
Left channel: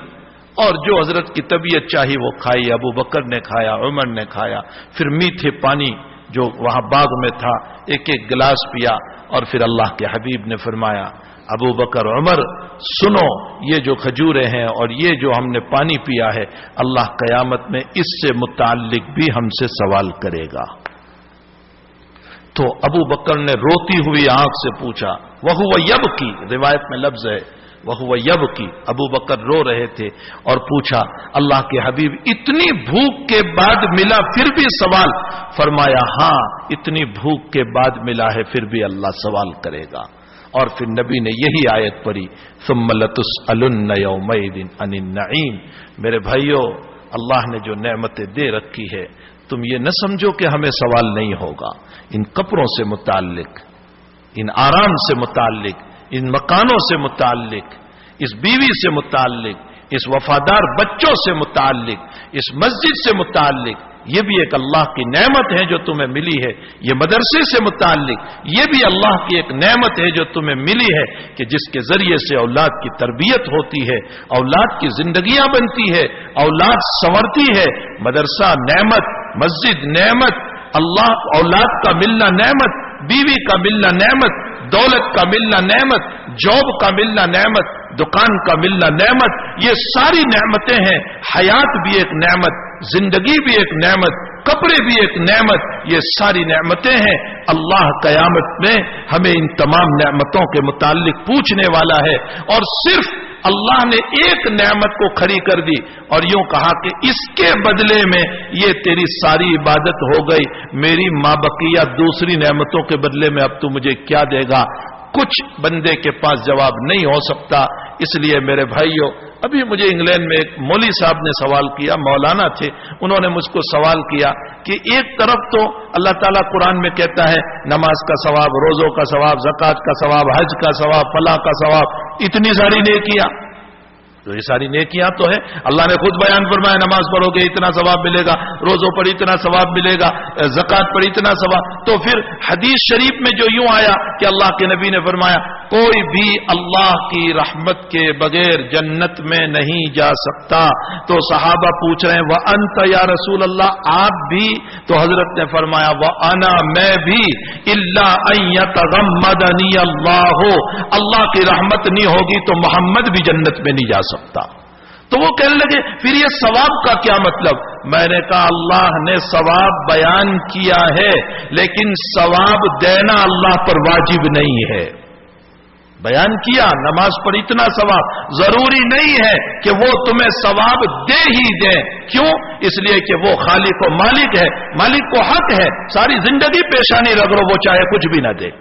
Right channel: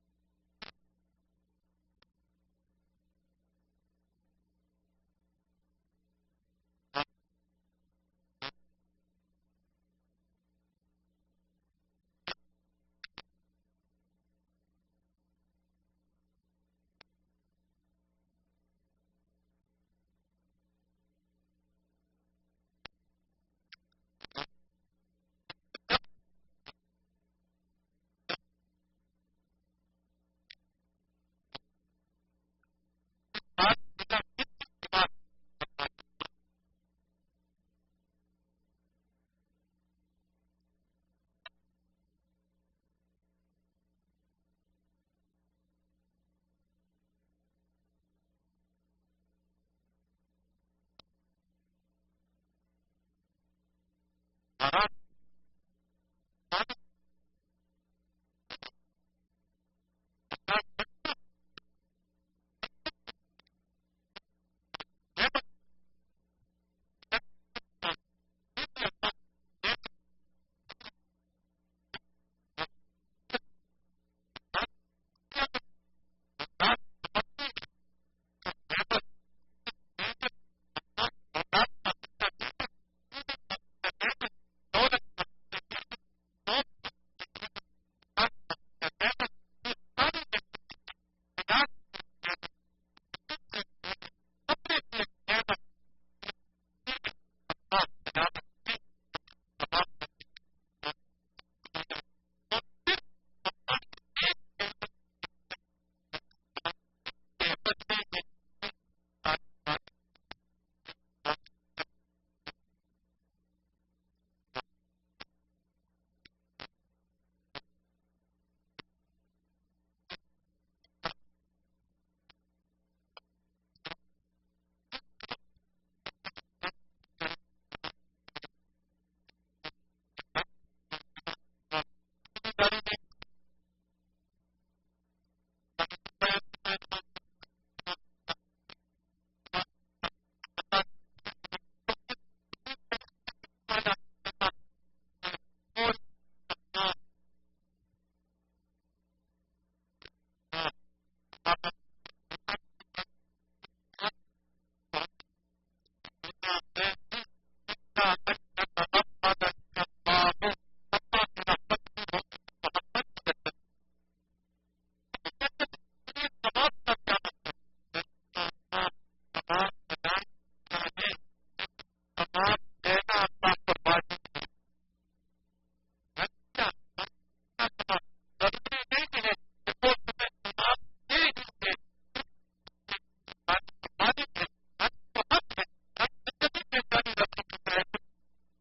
اور جو حضرت کی طبیعت چاہی وہ کھائی. ابو بکر نے کھایا، عمر نے کھایا. پھر میٹھے پانی جو وہاں باغ میں تھا ایک ایک گلاس پیا. اور پھر اللہ کے حبیب نے فرمایا ابو بکر عمر سنو، یہ جو کھجوریں ہیں اور یہ جو ہم نے پانی پیا ہے اللہ قیامت میں اس سے متعلق بھی ہم سے سوال کرے گا. تو ابو بکر نے روتی ہوئی آنکھ سے پوچھا وَهُوَ يَبْكِي، روایت میں لفظ ہے وَهُوَ يَبْكِي، ابو بکر رو رہے تھے اور پوچھا اللہ کے حبیب اتنی بھوک کے بعد ملا پھر بھی سوال؟ فرمایا ہاں اتنی بھوک کے بعد ملا ہے پھر بھی اللہ سوال کرے گا. اور پھر نبی نے یہی آیت پڑھی ثم لتسألن یومئذ عن النعیم. میرے بھائیو اللہ نے جو نعمتیں دے رکھی ہے تم یہ نہ سمجھو کہ ہمیں سوال نہیں ہوگا. ان کپڑوں سے متعلق، ان آرام سے متعلق، ان مکانوں سے متعلق، اس بیوی سے متعلق، اس وفادار بچوں سے متعلق، اس مسجد سے متعلق، یہ بھی ایک اللہ کی نعمت ہے جو تمہیں ملی ہے. یہ مدرسے سے متعلق یہ بھی اللہ کی ایک نعمت ہے جو تمہیں ملی ہے کہ جس کے ذریعے سے اولاد کی تربیت ہوتی ہے, اولاد کی زندگیاں بنتی ہے, اولاد سنورتی ہے. مدرسہ نعمت, مسجد نعمت, اللہ اولاد کا ملنا نعمت, بیوی کا ملنا نعمت, دولت کا ملنا نعمت, جاب کا ملنا نعمت, دکان کا ملنا نعمت. یہ ساری نعمتیں ہیں. حیات بھی ایک نعمت, زندگی بھی ایک نعمت, کپڑے بھی ایک نعمت. یہ ساری نعمتیں ہیں. اللہ قیامت میں ہمیں ان تمام نعمتوں کے متعلق پوچھنے والا ہے. اور صرف اللہ نے ایک نعمت کو کھڑی کر دی اور یوں کہا کہ اس کے بدلے میں یہ تیری ساری عبادت ہو گئی. میری مابقیہ دوسری نعمتوں کے بدلے میں اب تو مجھے کیا دے گا؟ کچھ بندے کے پاس جواب نہیں ہو سکتا. اس لیے میرے بھائیوں, ابھی مجھے انگلینڈ میں ایک مولوی صاحب نے سوال کیا, مولانا تھے, انہوں نے مجھ کو سوال کیا کہ ایک طرف تو اللہ تعالیٰ قرآن میں کہتا ہے نماز کا ثواب, روزوں کا ثواب, زکوٰۃ کا ثواب, حج کا ثواب, فلاح کا ثواب, اتنی ساری نیکیاں. تو یہ ساری نیکیاں تو ہے. اللہ نے خود بیان فرمایا نماز پڑھو گے اتنا ثواب ملے گا, روزوں پر اتنا ثواب ملے گا, زکوٰۃ پر اتنا ثواب. تو پھر حدیث شریف میں جو یوں آیا کہ اللہ کے نبی نے فرمایا کوئی بھی اللہ کی رحمت کے بغیر جنت میں نہیں جا سکتا. تو صحابہ پوچھ رہے ہیں وَأَنْتَ یا رسول اللہ, آپ بھی؟ تو حضرت نے فرمایا وَأَنَا, میں بھی, إِلَّا أَن يَتَغَمَّدَنِيَ اللَّهُ, اللہ کی رحمت نہیں ہوگی تو محمد بھی جنت میں نہیں جا سکتا. تو وہ کہنے لگے پھر یہ ثواب کا کیا مطلب؟ میں نے کہا اللہ نے ثواب بیان کیا ہے لیکن ثواب دینا اللہ پر واجب نہیں ہے. بیان کیا نماز پر اتنا ثواب, ضروری نہیں ہے کہ وہ تمہیں ثواب دے ہی دیں. کیوں؟ اس لیے کہ وہ خالق و مالک ہے, مالک کو حق ہے ساری زندگی پیشانی رگڑو وہ چاہے کچھ بھی نہ دے.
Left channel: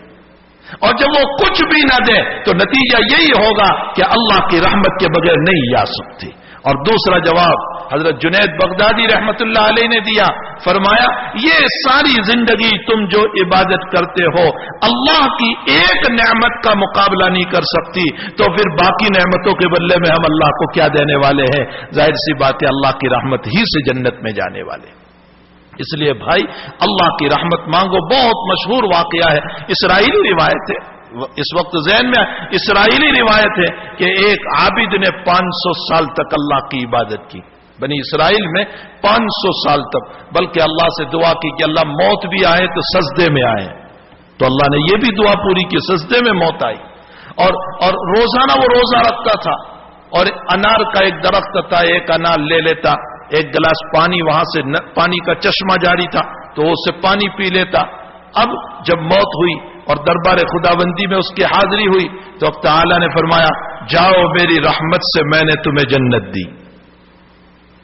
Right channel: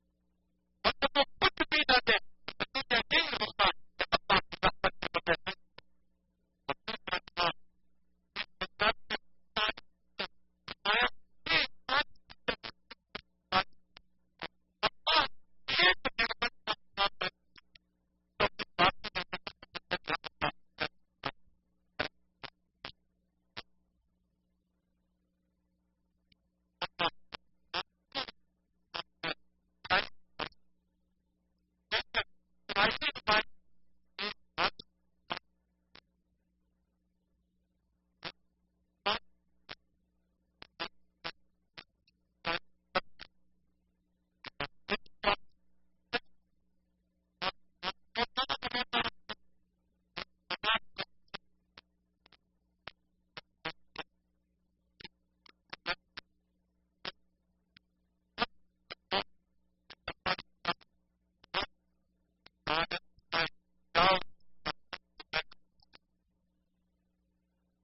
اور جب وہ کچھ بھی نہ دے تو نتیجہ یہی ہوگا کہ اللہ کی رحمت کے بغیر نہیں جا سکتی. اور دوسرا جواب حضرت جنید بغدادی رحمت اللہ علیہ نے دیا, فرمایا یہ ساری زندگی تم جو عبادت کرتے ہو اللہ کی ایک نعمت کا مقابلہ نہیں کر سکتی, تو پھر باقی نعمتوں کے بدلے میں ہم اللہ کو کیا دینے والے ہیں؟ ظاہر سی بات ہے اللہ کی رحمت ہی سے جنت میں جانے والے. اس لیے بھائی اللہ کی رحمت مانگو. بہت مشہور واقعہ ہے, اسرائیلی روایت ہے, اس وقت ذہن میں اسرائیلی روایت ہے کہ ایک عابد نے 500 سال تک اللہ کی عبادت کی. بنی اسرائیل میں 500 سال تک, بلکہ اللہ سے دعا کی کہ اللہ موت بھی آئے تو سجدے میں آئے. تو اللہ نے یہ بھی دعا پوری کی, سجدے میں موت آئی. اور روزانہ وہ روزہ رکھتا تھا اور انار کا ایک درخت تھا, ایک انار لے لیتا, ایک گلاس پانی, وہاں سے پانی کا چشمہ جاری تھا تو اس سے پانی پی لیتا. اب جب موت ہوئی اور دربار خداوندی میں اس کی حاضری ہوئی تو اب تعالی نے فرمایا جاؤ میری رحمت سے میں نے تمہیں جنت دی,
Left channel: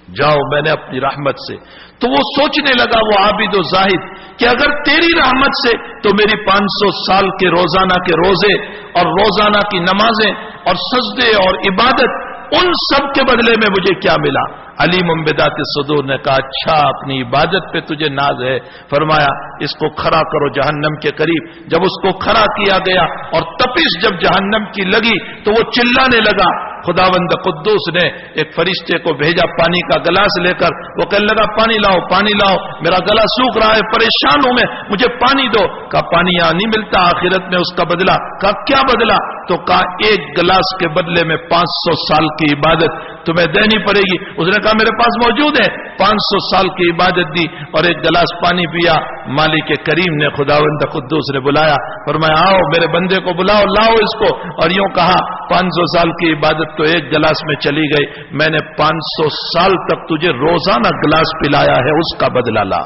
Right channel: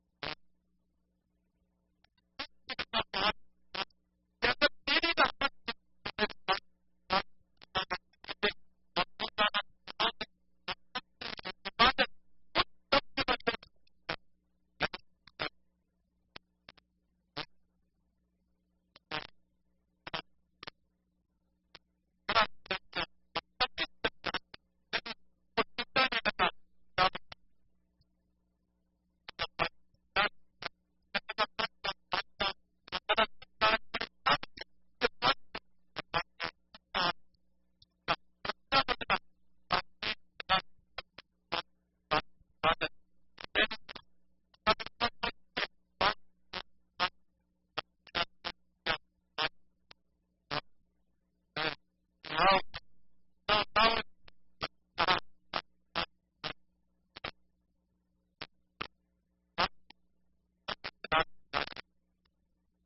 جاؤ میں نے اپنی رحمت سے. تو وہ سوچنے لگا وہ عابد و زاہد کہ اگر تیری رحمت سے تو میری 500 سال کے روزانہ کے روزے اور روزانہ کی نمازیں اور سجدے اور عبادت, ان سب کے بدلے میں مجھے کیا ملا؟ علیم بذات الصدور نے کہا اچھا اپنی عبادت پہ تجھے ناز ہے. فرمایا اس کو کھڑا کرو جہنم کے قریب. جب اس کو کھڑا کیا گیا اور تپش جب جہنم کی لگی تو وہ چلانے لگا. خداوند قدوس نے ایک فرشتے کو بھیجا پانی کا گلاس لے کر. وہ کہنے لگا پانی لاؤ, پانی لاؤ, میرا گلا سوکھ رہا ہے, پریشان ہوں میں, مجھے پانی دو. کہا پانی یہاں نہیں ملتا, آخرت میں اس کا بدلہ. کہا کیا بدلہ؟ تو کہا ایک گلاس کے بدلے میں 500 سال کی عبادت تمہیں دینی پڑے گی. اس نے کہا میرے پاس موجود ہے. 500 سال کی عبادت دی اور ایک گلاس پانی پیا. مالک کریم نے خداوند قدوس نے بلایا, فرمایا آؤ میرے بندے کو بلاؤ, لاؤ اس کو. اور یوں کہا 500 سال کی عبادت تو ایک گلاس میں چلی گئی, میں نے 500 سال تک تجھے روزانہ گلاس پلایا ہے اس کا بدلہ لا.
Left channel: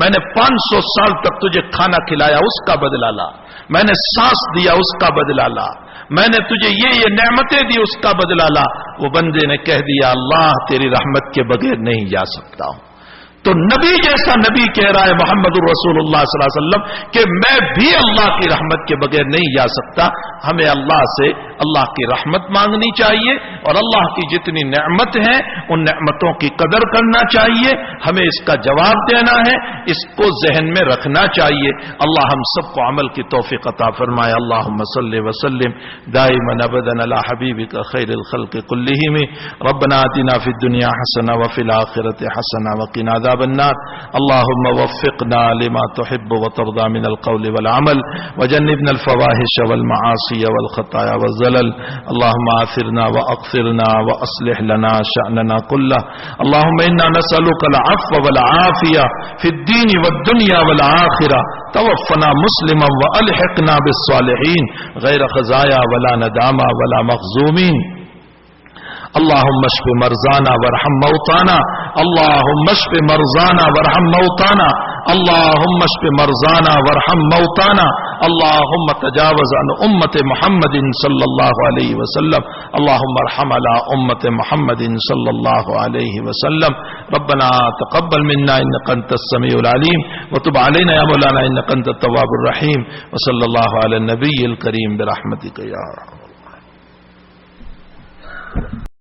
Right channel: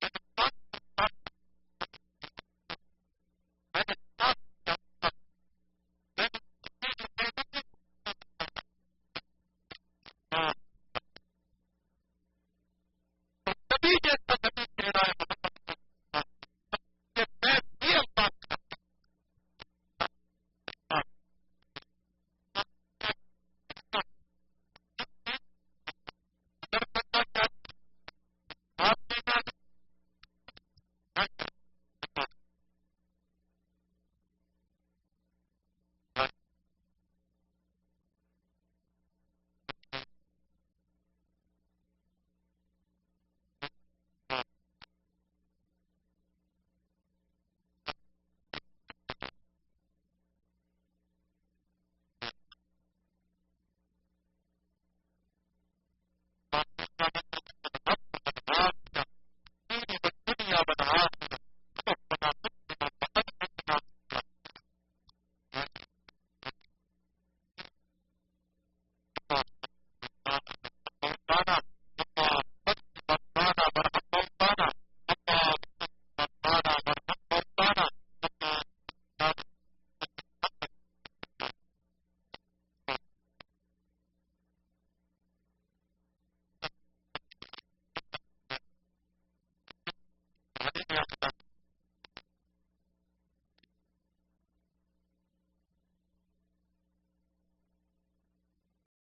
میں نے 500 سال تک تجھے کھانا کھلایا اس کا بدلہ لا. میں نے سانس دیا اس کا بدلہ لا. میں نے تجھے یہ نعمتیں دی اس کا بدلہ لا. وہ بندے نے کہہ دیا اللہ تیری رحمت کے بغیر نہیں جا سکتا ہوں. تو نبی جیسا نبی کہہ رہا ہے محمد الرسول اللہ صلی اللہ علیہ وسلم کہ میں بھی اللہ کی رحمت کے بغیر نہیں جا سکتا. ہمیں اللہ سے اللہ کی رحمت مانگنی چاہیے اور اللہ کی جتنی نعمت ہیں ان نعمتوں کی قدر کرنا چاہیے. ہمیں اس کا جواب دینا ہے, اس کو ذہن میں رکھنا چاہیے. اللہ ہم سب کو عمل کی توفیق عطا فرمائے. اللہم صلی وسلم دائما ابدا علی حبیبک خیر الخلق کلہم. ربنا آتنا فی الدنیا حسنہ وفی الآخرۃ حسنہ وقنا عذاب النار. اللہم وفقنا لما تحب وترضى من القول والعمل وجنبنا الفواحش والمعاصی والخطايا والزلل. اللهم آثرنا وأقثرنا وأصلح لنا شأننا كله. اللهم إنا نسألك العفو والعافية في الدين والدنيا والآخرة. توفنا مسلما وألحقنا بالصالحين غير خزايا ولا ندامى ولا مخزومين. اللهم اشف مرضانا وارحم موتانا. اللهم اشف مرضانا وارحم موتانا. اللهم اشف مرضانا وارحم موتانا. اللهم تجاوز عن امت محمد صلی اللہ علیہ وسلم. اللهم ارحم على امت محمد صلی اللہ علیہ وسلم. ربنا تقبل منا انك انت السميع العليم وتب علينا يا مولانا انك انت التواب الرحيم. وصلی اللہ علی النبی الکریم برحمتک یا رب.